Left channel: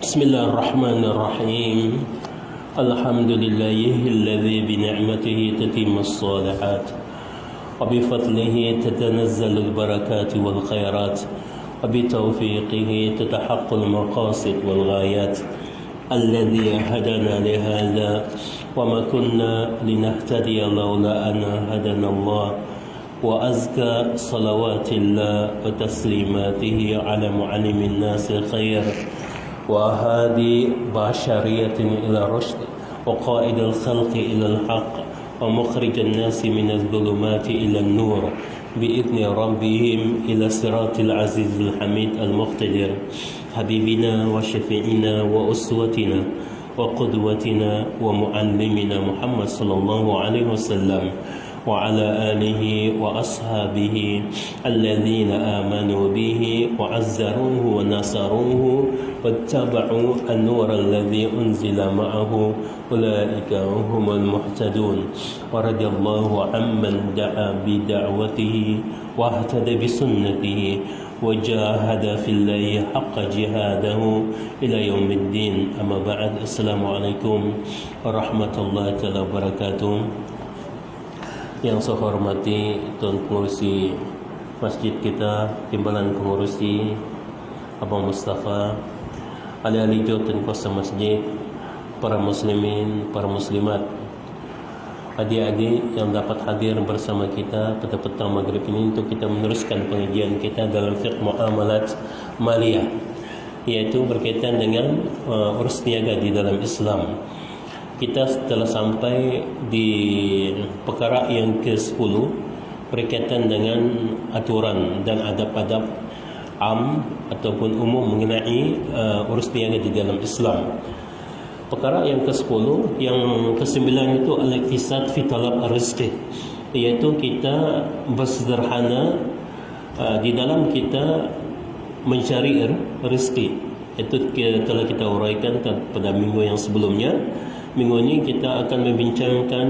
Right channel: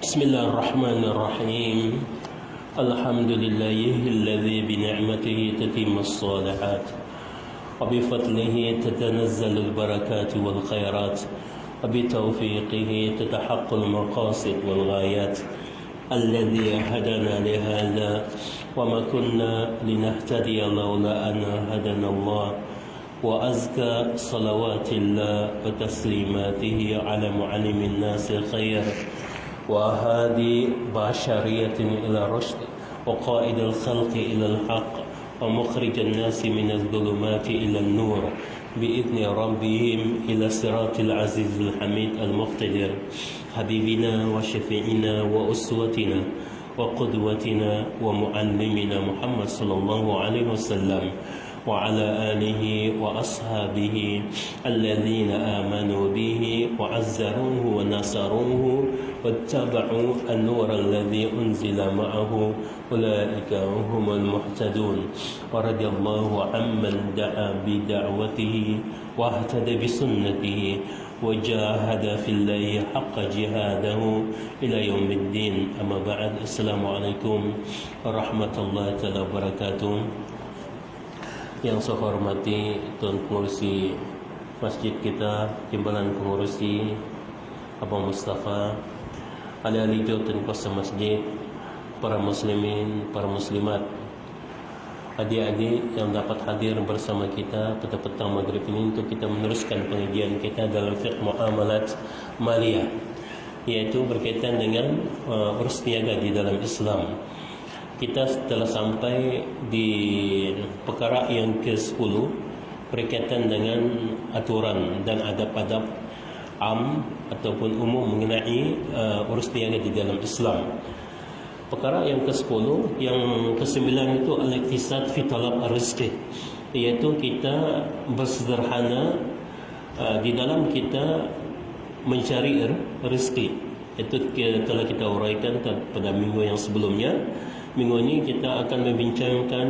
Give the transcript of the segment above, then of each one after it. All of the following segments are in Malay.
بسم الله الرحمن الرحيم. الحمد لله الذي بنعمته تتم الصالحات وبفضله تتنزل البركات والخيرات وبتوفيقه تتحقق المقاصد والغايات. الذي هدانا لهذا وما كنا لنهتدي لولا أن هدانا الله. وأزكى صلوات الله وتسليماته على معلم الناس الخير وهادي بشرية إلى الرشد وقائد الخلق إلى الحق ومخرج الناس من الظلمات إلى النور بإذن ربهم إلى صراط العزيز الحميد المقتدر. حبيبنا وشفيعنا وأسوتنا وقدوتنا ومعلمنا محمد صلى الله عليه وسلم وعلى آله وأصحابه الذين آمنوا به وعزروه ونصروه واتبعوا النور الذي أنزل معه أولئك هم المهتدون. ورضي الله عمن دعا بدعوته واهتدى بسنته وجاهد في الله حق جهاده إلى يوم الدين. أما بعد، السلام عليكم ورحمة الله وبركاته. Yang saya hormati Tuan Pengurusi Masjid kita, Timbalan Pengurusi Abang Mustafa, ahli-ahli Tuan Kuasa Masjid, para muslimin, para muslimat, adik-adik yang dapat hadir bersama kita pada petang maghrib ini untuk kita meneruskan pengajian kita dalam fiqh muamalat maliyah, iaitu berkaitan dengan urus niaga di dalam Islam. Kita telah sampai di perkara yang ke-10 berkaitan dengan aturan dan adab-adab am ataupun umum mengenai urus niaga di dalam Islam. Perkara yang ke-10, yang ke-9 itu al-iktisad fi talab rizqi, iaitu kita bersederhana di dalam kita mencari rezeki. Itu kalau kita uraikan pada minggu yang sebelumnya. Minggu ini kita akan membincangkan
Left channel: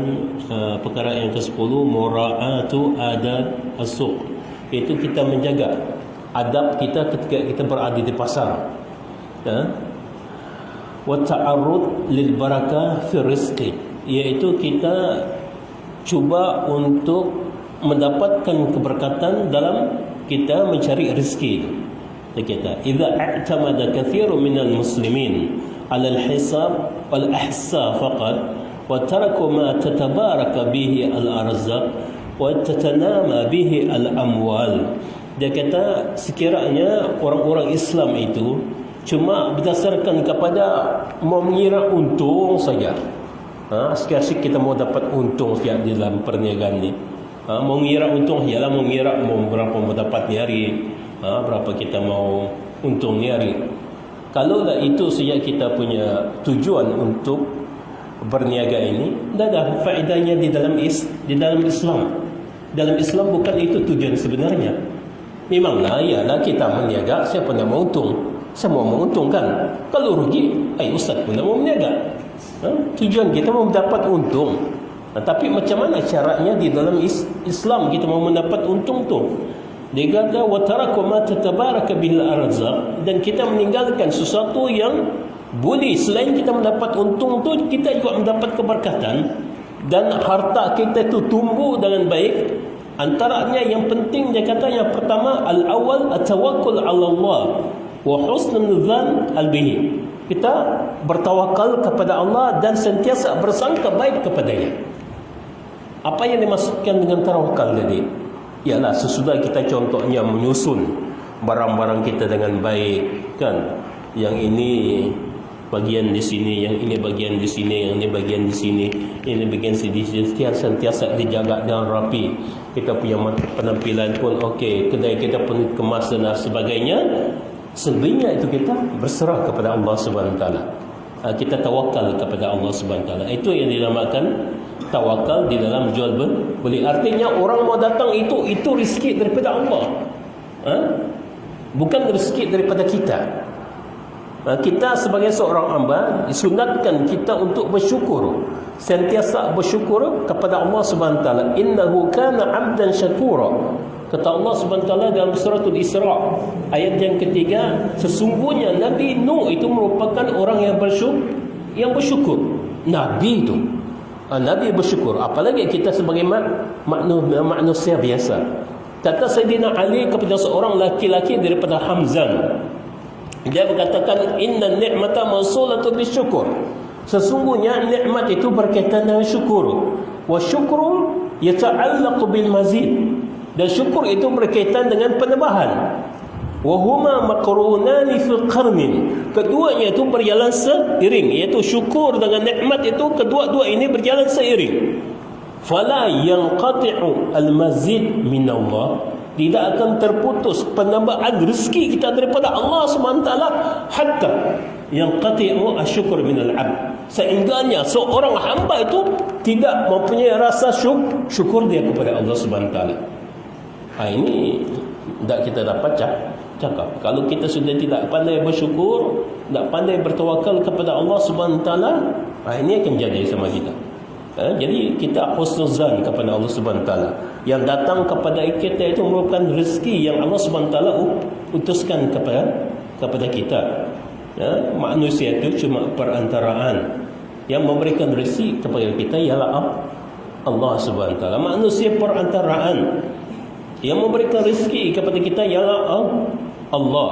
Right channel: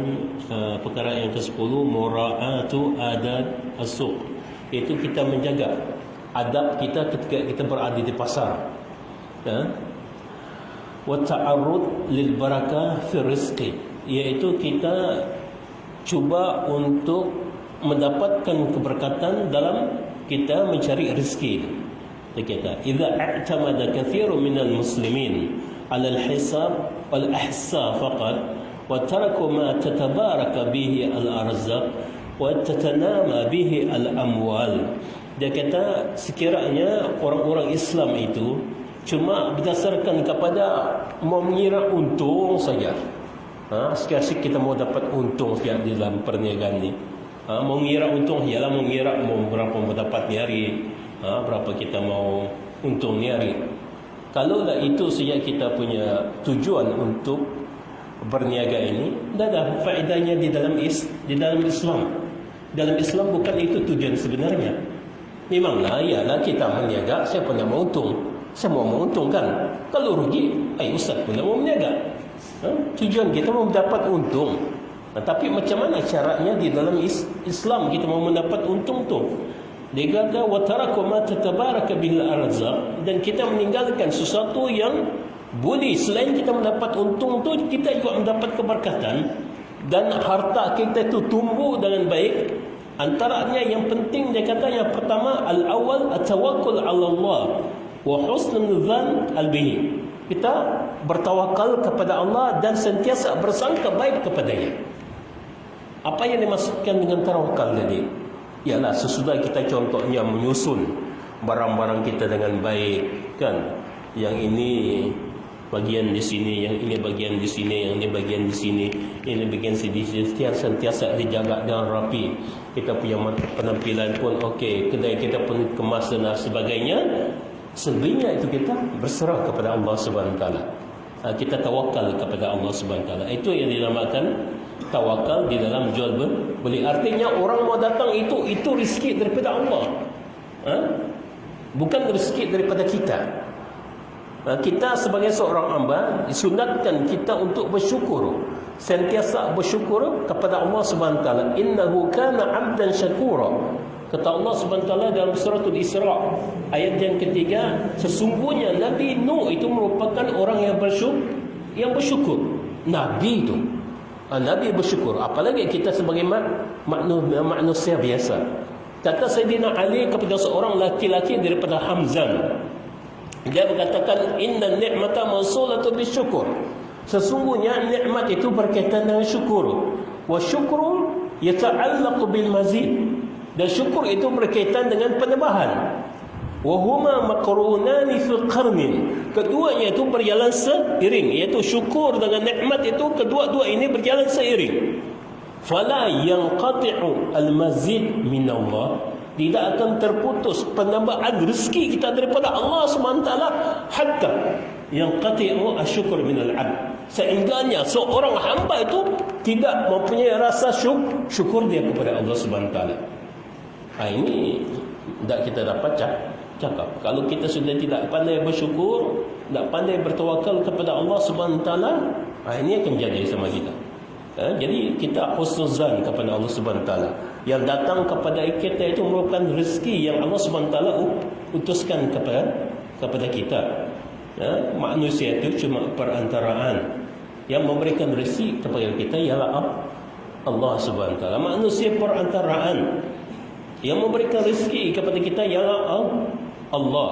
perkara yang ke-10, mura'atu adab as-suq, iaitu kita menjaga adab kita ketika kita berada di pasar, wa ta'arrud lil barakah fi rizqi, iaitu kita cuba untuk mendapatkan keberkatan dalam kita mencari rezeki kita. Idza i'tamada katsirun minal muslimin 'ala al-hisab wal-ihsa faqat wa taraku ma tatabaraka bihi al-arzaq wa tatanama bihi al-amwal. Dia kata sekiranya orang-orang Islam itu cuma berdasarkan kepada mau mengira untung saja. Asyik-asyik kita mau dapat untung saja di dalam perniagaan ni. Mau mengira untung, ialah mau mengira mau berapa mau dapat di hari, berapa kita mau untung di hari. Kalau itu saja kita punya tujuan untuk berniaga ini, dah faedahnya di dalam Islam. Dalam Islam bukan itu tujuan sebenarnya. Memanglah ialah kita berniaga, siapa nak mau untung? Semua mau untung kan? Kalau rugi, ustaz pun nak mau berniaga. Tujuan kita mau mendapat untung. Tapi macam mana caranya di dalam Islam kita mau mendapat untung tu? Dia kata wa taraku ma tatabaraka bil arzaq, dan kita meninggalkan sesuatu yang boleh selain kita mendapat untung tu, kita juga mendapat keberkatan dan harta kita tu tumbuh dengan baik. Antaranya yang penting dia kata yang pertama, al-awwal at-tawakkul 'ala Allah wa husnul dzan al-bihi. Kita bertawakal kepada Allah dan sentiasa bersangka baik kepadanya. Apa yang dimaksudkan dengan tawakal tadi? Ialah sesudah kita contohnya menyusun barang-barang kita dengan baik, kan? Yang ini bagian di sini, yang ini bagian di sini, yang ini bagian di sini, ini bagian di sini, sentiasa dijaga dan rapi. Kita punya penampilan pun okey, kedai kita pun kemas dan sebagainya. Sebenarnya itu kita berserah kepada Allah Subhanahu Wa Taala. Kita tawakal kepada Allah Subhanahu Wa Taala. Itu yang dinamakan tawakal di dalam jual beli. Artinya orang mau datang itu rezeki daripada Allah, bukan rezeki daripada kita. Kita sebagai seorang hamba disunatkan kita untuk bersyukur, sentiasa bersyukur kepada Allah Subhanahu Wa Taala. Innahu kana 'abdan syakura. Kata Allah SWT dalam surah Al-Isra ayat yang ketiga, sesungguhnya Nabi Nuh itu merupakan orang yang bersyukur. Nabi itu Nabi bersyukur, apalagi kita sebagai manusia biasa. Kata Sayyidina Ali kepada seorang laki-laki daripada Hamzan, dia berkatakan, inna ni'mata mausulatun bisyukur, sesungguhnya nikmat itu berkaitan dengan syukur. Wa syukru yata'allaqu bil mazid, dan syukur itu berkaitan dengan penambahan. Wa huma maqrunani fil qarnin, keduanya itu berjalan seiring, iaitu syukur dengan nikmat itu kedua-dua ini berjalan seiring. Fala yanqati'u al-mazid min Allah, tidak akan terputus penambahan rezeki kita daripada Allah SWT hatta yanqati'u asyukur min al-'abd, sehingganya seorang hamba itu tidak mempunyai rasa syukur dia kepada Allah SWT. Ini tidak kita dapat cakap. Kalau kita sudah tidak pandai bersyukur, tidak pandai bertawakal kepada Allah SWT, ini akan jadi sama kita. Jadi kita husnuzan kepada Allah SWT. Yang datang kepada kita itu merupakan rezeki yang Allah SWT utuskan kepada kita. Manusia itu cuma perantaraan. Yang memberikan rezeki kepada kita ialah Allah SWT. Manusia perantaraan. Yang memberikan rezeki kepada kita ialah Allah.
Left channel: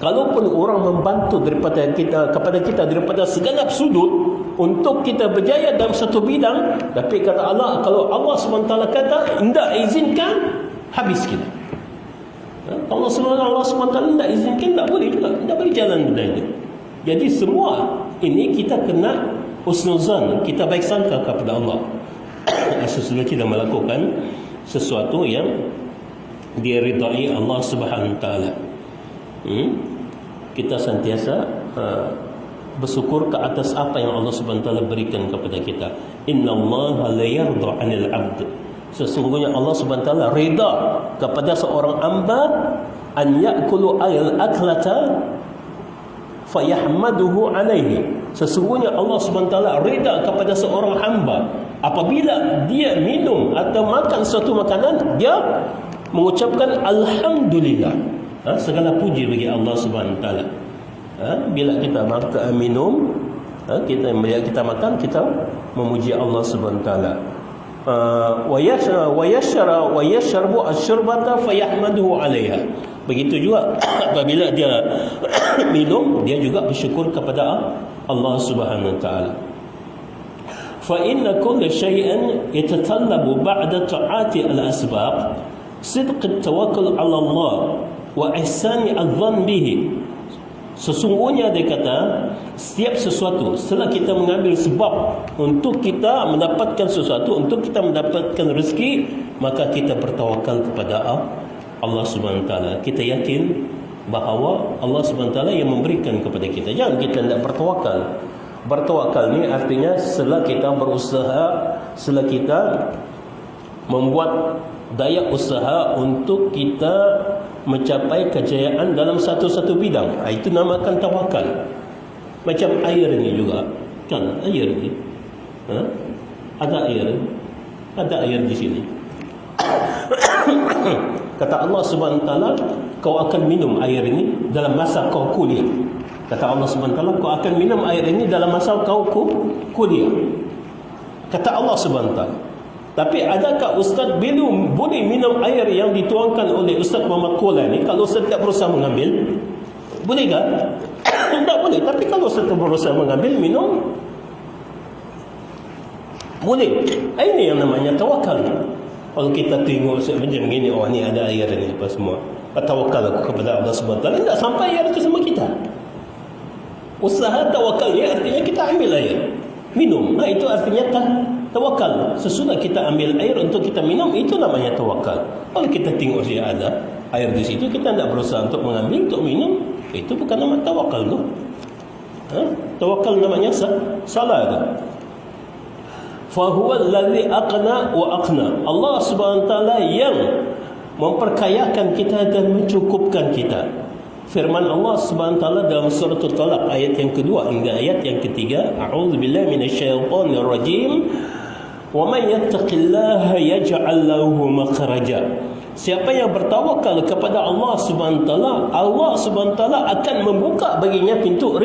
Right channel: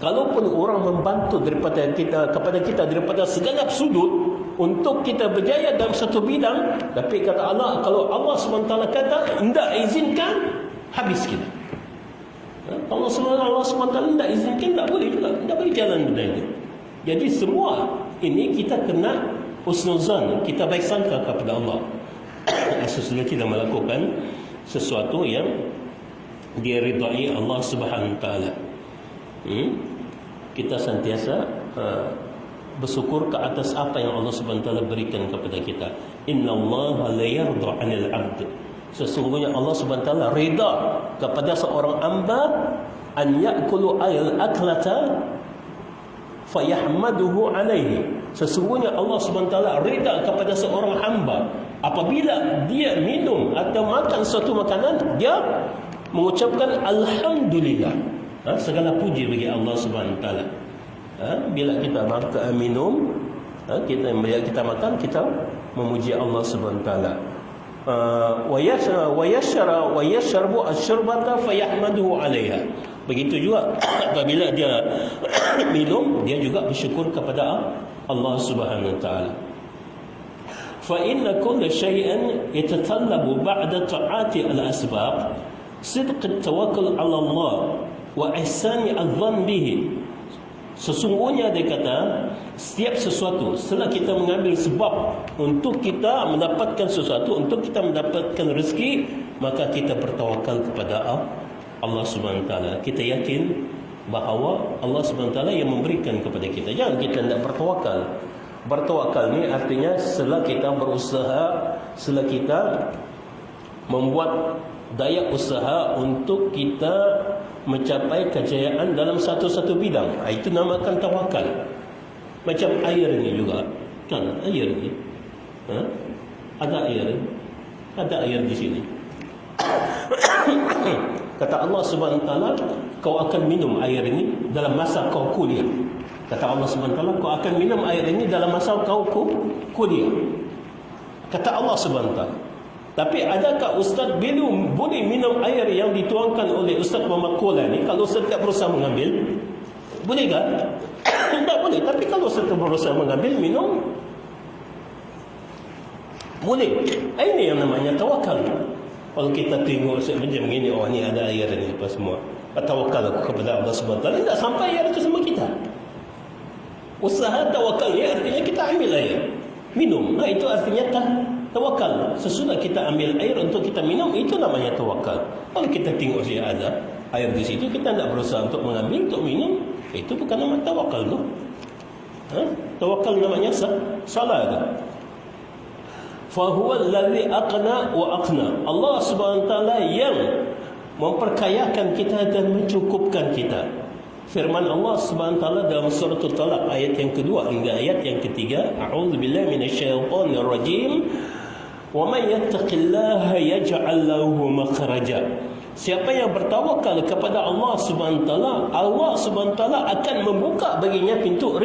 Kalaupun orang membantu kepada kita daripada segala sudut untuk kita berjaya dalam satu bidang, tapi kata Allah, kalau Allah SWT kata tidak izinkan, habis kita. Allah SWT tidak izinkan, tak boleh jalan benda ini. Jadi semua ini kita kena husnuzan, kita baik sangka kepada Allah sesudah kita melakukan sesuatu yang diridai Allah Subhanahu Wa Taala. Kita sentiasa bersyukur ke atas apa yang Allah Subhanahu Wa Taala berikan kepada kita. Innallaha la yarda 'anil 'abd, sesungguhnya Allah Subhanahu Wa Taala rida kepada seorang hamba an ya'kulu al-aklata fayahmaduhu 'alaihi, sesungguhnya Allah Subhanahu Wa Taala rida kepada seorang hamba apabila dia minum atau makan suatu makanan, dia mengucapkan alhamdulillah. Segala puji bagi Allah Subhanahu Wa Taala. Bila kita minum, bila kita makan, kita memuji Allah Subhanahu Wa Taala. Wa yashrabu asy-syurbata fayahmaduhu 'alaiha. Begitu juga apabila dia minum, dia juga bersyukur kepada Allah Subhanahu Wa Taala. Fa inna kulla shay'in yatatallabu ba'da ta'ati al-asbab sidq at-tawakkul 'ala Allah wa ihsani adh-dhann bihi. Sesungguhnya dia kata, setiap sesuatu setelah kita mengambil sebab untuk kita mendapatkan sesuatu, untuk kita mendapatkan rezeki, maka kita bertawakal kepada Allah Subhanahu Wa Taala. Kita yakin bahawa Allah Subhanahu Wa Taala yang memberikan kepada kita. Jangan kita tidak bertawakal. Bertawakal ni artinya setelah kita berusaha, setelah kita membuat daya usaha untuk kita mencapai kejayaan dalam satu-satu bidang, itu namakan tawakal. Macam air ini juga, kan? Air ini, ada air di sini. Kata Allah Subhanahu Wa Taala, kau akan minum air ini dalam masa kau kuliah. Kata Allah Subhanahu Wa Taala, kau akan minum air ini dalam masa kau kuliah. Kata Allah Subhanahu Wa Taala. Tapi adakah Ustaz boleh minum air yang dituangkan oleh Ustaz Muhammad Kola ni kalau Ustaz tak berusaha mengambil? Boleh tak? Tak boleh. Tapi kalau Ustaz berusaha mengambil, minum, boleh. Ini yang namanya tawakal. Kalau kita tengok Ustaz macam begini, ni ada air ni apa semua, tawakal aku kepada Allah SWT, tak sampai air itu sama kita. Usaha tawakal ni artinya kita ambil air, minum. Itu artinya tawakal. Sesudah kita ambil air untuk kita minum, itu namanya tawakal. Kalau kita tengok saja ada air di situ, kita tidak berusaha untuk mengambil, untuk minum, itu bukan nama tawakal tu. Tawakal namanya salah tu. Fahuwa alladhi aqna wa aqna. Allah Subhanahu Wa Taala yang memperkayakan kita dan mencukupkan kita. Firman Allah Subhanahu Wa Taala dalam surah At-Talaq ayat yang kedua hingga ayat yang ketiga, a'udzubillahi minasyaitonir rajim. Wa may yattaqillaha yaj'al lahu makhraja. Siapa yang bertawakal kepada Allah Subhanahu taala, Allah Subhanahu taala akan membuka baginya pintu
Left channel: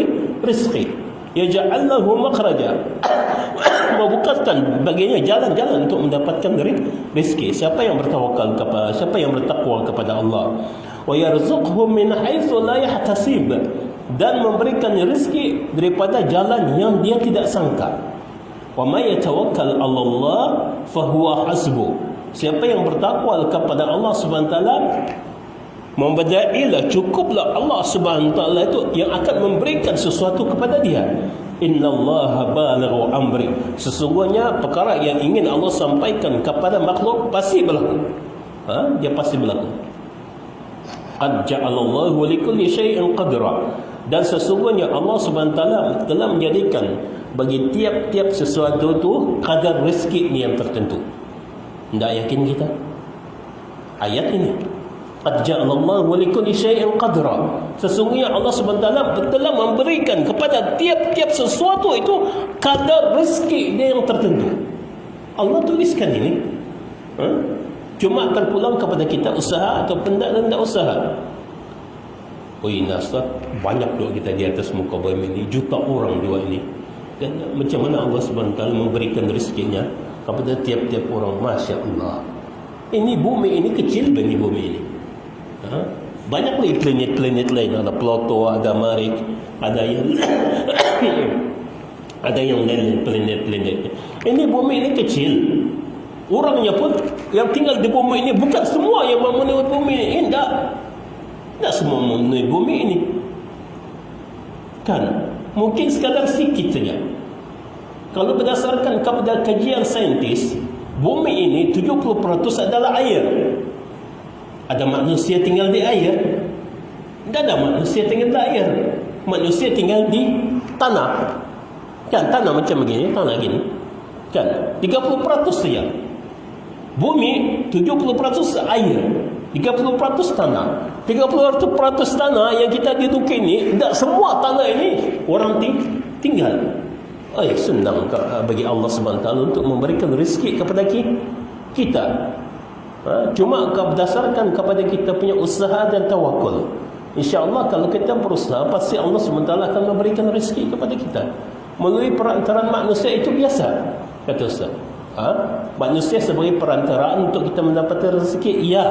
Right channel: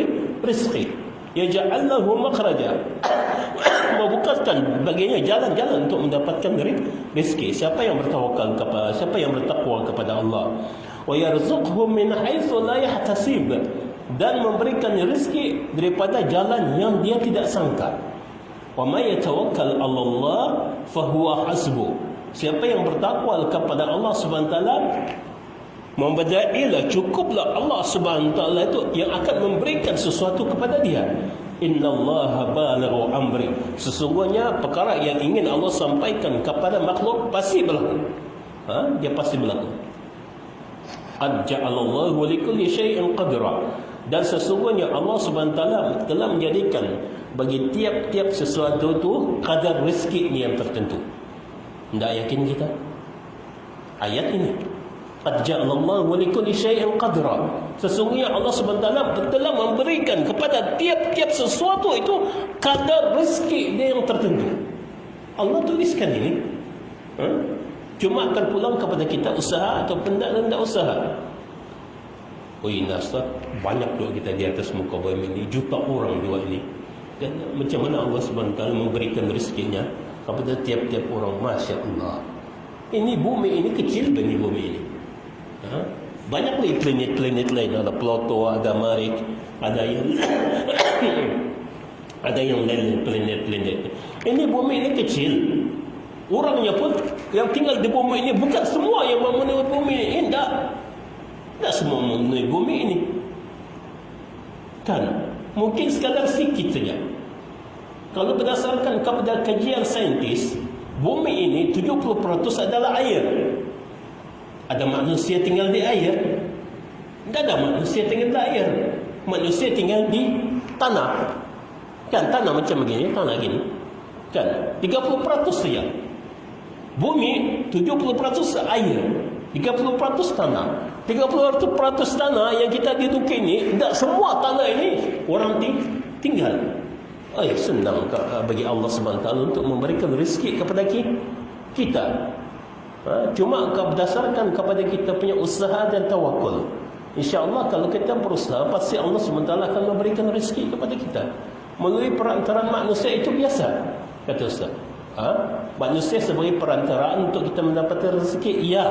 rezeki. Yaj'al lahu makhraja. Membukakan baginya jalan-jalan untuk mendapatkan rezeki. Siapa yang bertawakal kepada, siapa yang bertakwa kepada Allah, wa yarzuqhu min haitsu la yahtasib, dan memberikan rezeki daripada jalan yang dia tidak sangka. Wa may yatawakkal 'ala Allah fa huwa hasbuh. Siapa yang bertakwa kepada Allah Subhanahu taala, memberdailah, cukuplah Allah Subhanahu taala itu yang akan memberikan sesuatu kepada dia. Innallaha balighu amri. Sesungguhnya perkara yang ingin Allah sampaikan kepada makhluk pasti berlaku. Dia pasti berlaku. Qad ja'alallahu likulli syai'in qadra. Dan sesungguhnya Allah Subhanahu taala telah menjadikan bagi tiap-tiap sesuatu itu kadar rezeki yang tertentu. Tidak yakin kita? Ayat ini. Qad ja'alallahu likulli syai'in qadra. Sesungguhnya Allah SWT telah memberikan kepada tiap-tiap sesuatu itu kadar rezeki dia yang tertentu. Allah tuliskan ini. Cuma akan pulang kepada kita usaha atau tidak usaha. Oh ini Ustaz, banyak doa kita di atas muka bumi ini, juta orang doa ini. Dan macam mana Allah SWT memberikan rezekinya kepada tiap-tiap orang. Masya Allah. Ini bumi ini kecil dan ini bumi ini. Banyak lagi planet-planet lain. Ada Pluto, ada Marikh, ada yang ada yang lain planet-planet. Ini bumi ini kecil. Orangnya pun yang tinggal di bumi ini bukan semua yang memenuhi bumi ini. Tidak semua memenuhi bumi ini. Kan? Mungkin sekarang sedikit saja. Kalau berdasarkan kepada kajian saintis, bumi ini 70% adalah air. Ada manusia tinggal di air. Tidak ada manusia tinggal di air. Manusia tinggal di tanah. Kan tanah macam begini, tanah gini. Kan 30% saja. Bumi 70% air, 30% tanah. 30% tanah yang kita duduki ini, tidak semua tanah ini orang tinggal. Senang bagi Allah SWT untuk memberikan rezeki kepada kita. Cuma berdasarkan kepada kita punya usaha dan tawakul. InsyaAllah kalau kita berusaha, pasti Allah SWT akan memberikan rezeki kepada kita. Melalui perantaraan manusia itu biasa, kata Ustaz. Manusia sebagai perantaraan untuk kita mendapatkan rezeki, iya.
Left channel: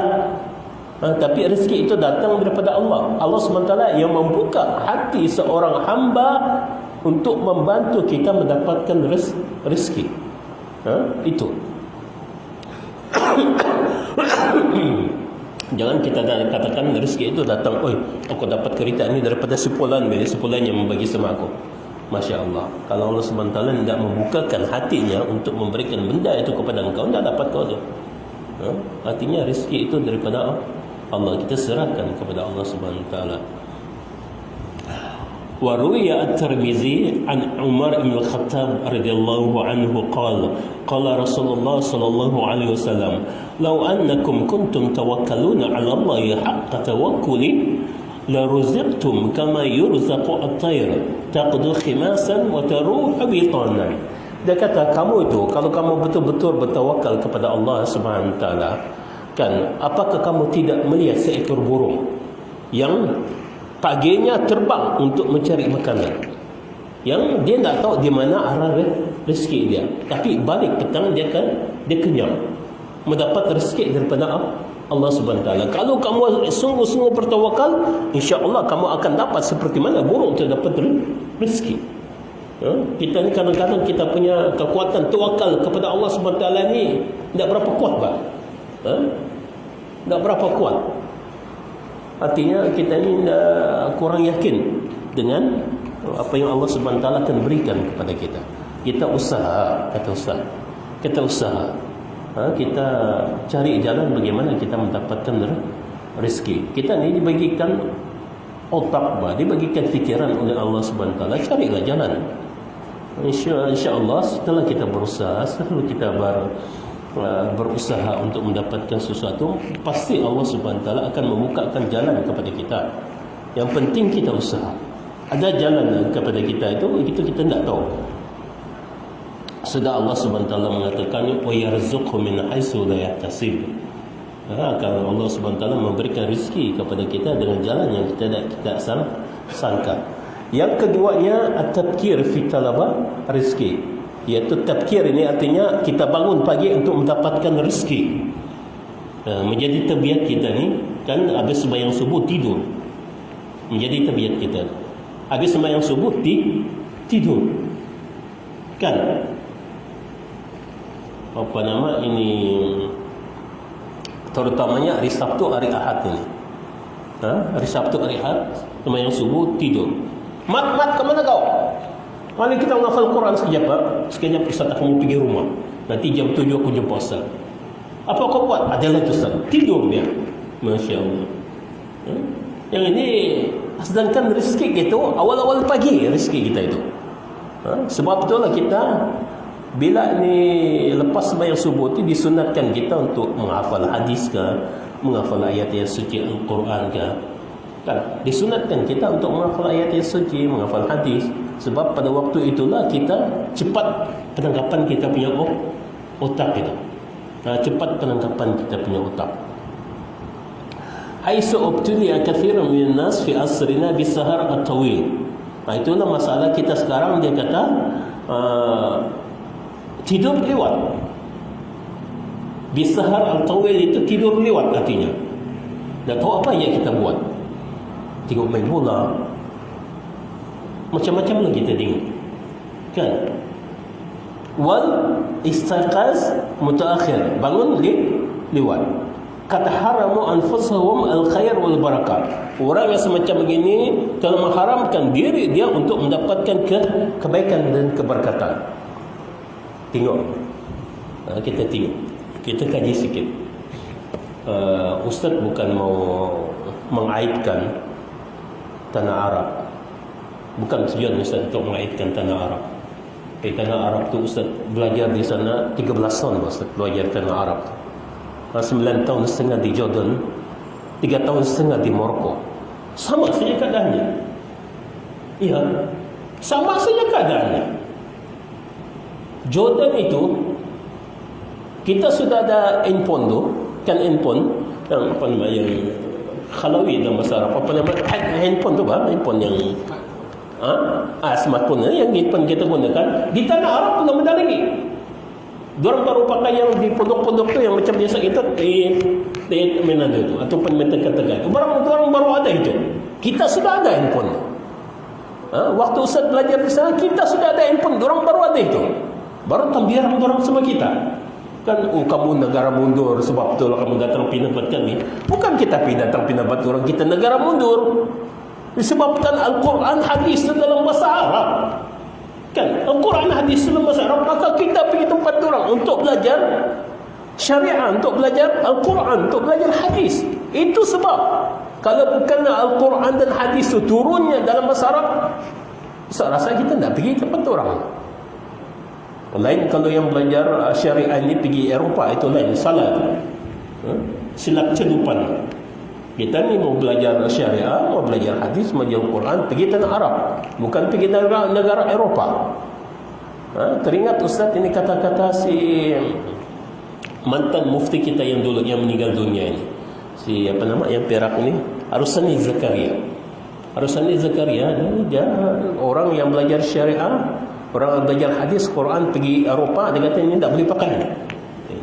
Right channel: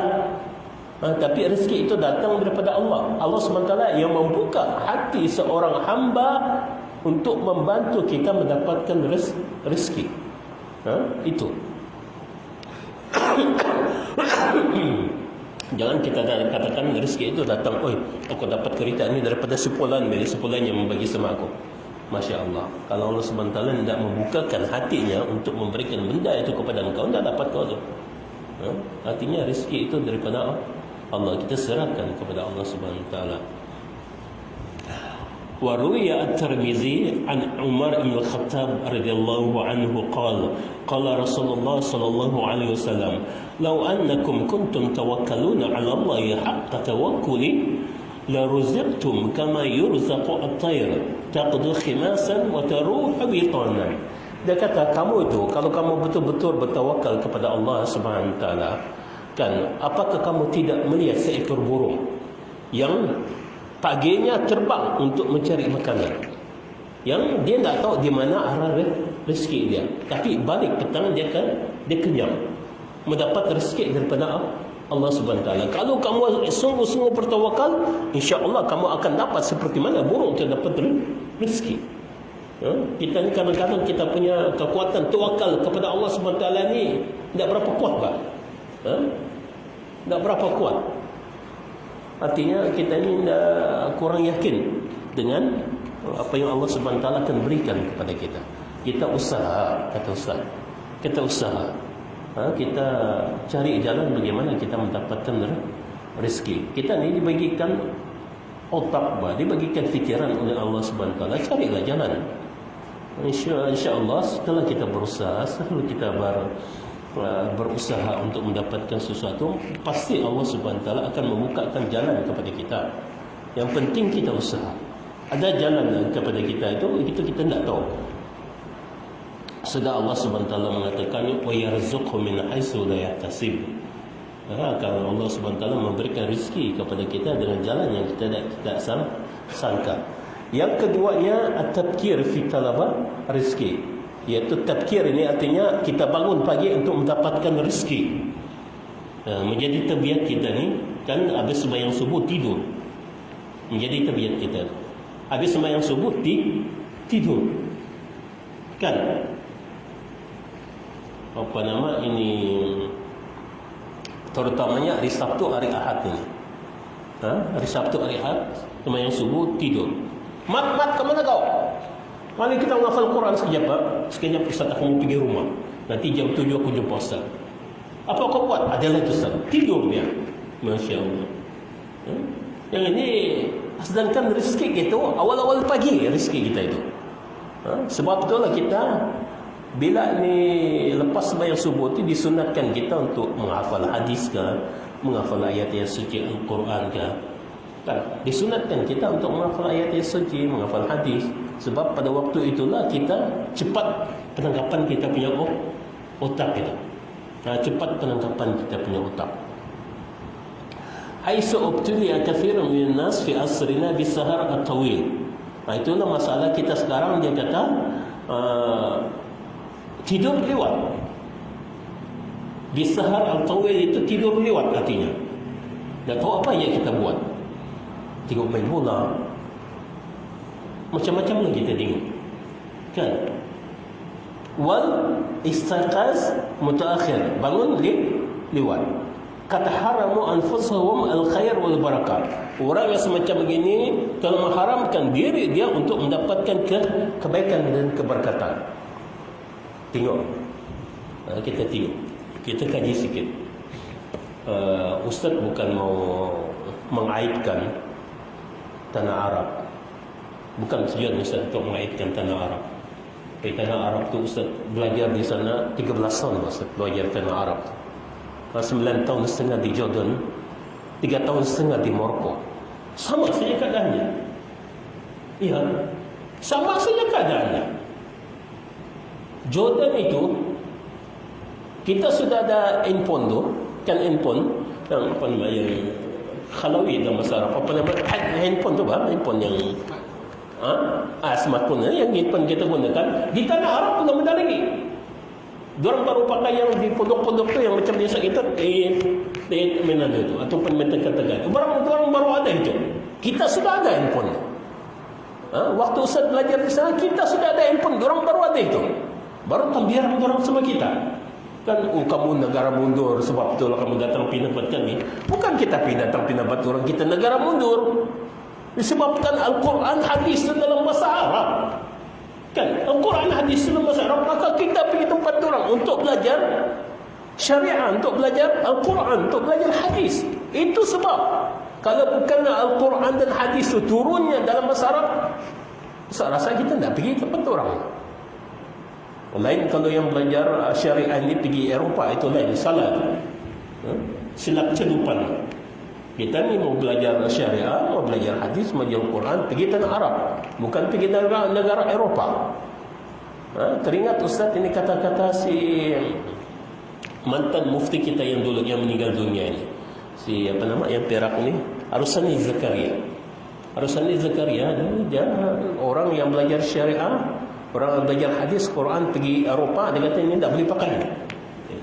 Tapi rezeki itu datang daripada Allah. Allah SWT yang membuka hati seorang hamba untuk membantu kita mendapatkan rezeki. Itu. Jangan kita katakan rezeki itu datang, aku dapat kereta ini daripada sepulan yang membagi sama aku. Masya Allah. Kalau Allah SWT tidak membukakan hatinya untuk memberikan benda itu kepada engkau, tidak dapat kau itu. Artinya rezeki itu daripada Allah. Kita serahkan kepada Allah SWT. وروي الترمذي عن عمر بن الخطاب رضي الله عنه قال رسول الله صلى الله عليه وسلم لو أنكم كنتم توكلون على الله حق توكله لرزقتم كما يرزق الطير تغدو خماسا وتروح بطانا. Dia kata, kamu itu kalau kamu betul-betul bertawakal kepada Allah Subhanahu wa taala, kan apakah kamu tidak melihat seekor burung yang paginya terbang untuk mencari makanan, yang dia tak tahu di mana arah rezeki dia, tapi balik petang dia kenyang, mendapat rezeki daripada Allah Subhanahu Taala. Kalau kamu sungguh-sungguh bertawakal, insya-Allah kamu akan dapat seperti mana burung itu dapat rezeki. Kita ni kadang-kadang kita punya kekuatan tawakal kepada Allah Subhanahu Taala ni tidak berapa kuat, Pak. Tidak berapa kuat. Artinya kita ni kurang yakin dengan apa yang Allah Subhanahu Taala akan berikan kepada kita. Kita usaha, kata Ustaz. Kita usaha. Kita cari jalan bagaimana kita mendapatkan rezeki. Kita ni dibagikan otak, dibagikan fikiran oleh Allah Subhanahu Taala. Carilah jalan. InsyaAllah setelah kita berusaha, setelah kita berusaha untuk mendapatkan sesuatu, pasti Allah Subhanahu Taala akan membukakan jalan kepada kita. Yang penting kita usaha. Ada jalan kepada kita itu kita tidak tahu. Sudah Allah Subhanahu Taala mengatakan wa yarzuqhu min haitsu la yahtasib. Kalau Allah SWT memberikan rezeki kepada kita dengan jalan yang kita tidak sangka. Yang keduanya at-tafkir fi talaba rezeki, iaitu tafkir ini artinya kita bangun pagi untuk mendapatkan rezeki. Menjadi tabiat kita ni kan, habis sembahyang subuh tidur, menjadi tabiat kita. Habis sembahyang subuh tidur kan, apa nama ini, terutamanya hari Sabtu, hari Ahad ini. Hari Sabtu, hari Ahad, sembahyang subuh tidur. Mat, kemana kau? Mari kita menghafal Quran sekejap, Pak. Sekejap Ustaz, aku mau pergi rumah. Nanti jam 7 aku jumpa Ustaz. Apa kau buat? Ada lagi Ustaz. Tidur dia. Masya Allah. Yang ini, sedangkan rezeki itu awal-awal pagi rezeki kita itu. Sebab itulah kita bila ni lepas sembahyang subuh itu disunatkan kita untuk menghafal hadis ke, menghafal ayat-ayat suci Al-Quran ke. Kan? Disunatkan kita untuk menghafal ayat-ayat suci, menghafal hadis. Sebab pada waktu itulah kita cepat penangkapan kita punya otak itu. Cepat penangkapan kita punya otak. Aisu ubtiliya kathirun minan nas fi asrina bisahar at-tawil. Itulah masalah kita sekarang. Dia kata tidur lewat. Bisahar al-tawil itu tidur lewat artinya. Tak tahu apa yang kita buat. Tengok main bola, macam-macam lagi kita tengok kan. Wal istaiqaz mutaakhir, bangun lewat. Qad haramu anfusahum al-khair wal barakah. Orang yang semacam begini telah mengharamkan diri dia untuk mendapatkan kebaikan dan keberkatan. Tengok, kita tengok, kita kaji sikit. Ustaz bukan mau mengaibkan tanah Arab, bukan tujuan Ustaz untuk mengaitkan tanah Arab. Tanah Arab tu Ustaz belajar di sana 13 tahun Ustaz belajar tanah Arab. 9 tahun setengah di Jordan, 3 tahun setengah di Morocco. Sama saja keadaannya. Iya, sama saja keadaannya. Jordan itu kita sudah ada handphone tu, kan handphone yang apa nama yang khalawi dalam bahasa Arab, apa nama handphone tu, handphone yang smartphone yang kita gunakan di tanah Arab pun ada lagi. Diorang baru pakai yang di pondok-pondok tu yang macam biasa kita di mana itu ataupun meter-meter. Orang baru ada itu. Kita sudah ada handphone. Waktu Ustaz belajar di sana kita sudah ada handphone. Diorang baru ada itu. Baru tambihan diorang sama kita. Kan, kamu negara mundur sebab itulah kamu datang pinabat kami. Bukan kita datang pinabat orang, kita negara mundur. Disebabkan Al-Quran hadis dalam bahasa Arab. Kan, Al-Quran hadis dalam bahasa Arab, maka kita pergi tempat orang untuk belajar syariah, untuk belajar Al-Quran, untuk belajar hadis. Itu sebab kalau bukan Al-Quran dan hadis itu turunnya dalam bahasa Arab, saya rasa kita tidak pergi ke tempat orang. Lain kalau yang belajar syariah ini pergi Eropah, itu lain, salah. Silap celupan. Kita ni mau belajar syariah, mau belajar hadis, mau belajar Quran, pergi tanah Arab, bukan pergi negara Eropah. Teringat Ustaz ini kata-kata si mantan mufti kita yang dulu yang meninggal dunia ini, si apa nama yang Perak ini, Arusani Zakaria. Arusani Zakaria dia orang yang belajar syariah, orang yang belajar hadis, Quran, pergi Eropah. Dia kata ini tak boleh pakai,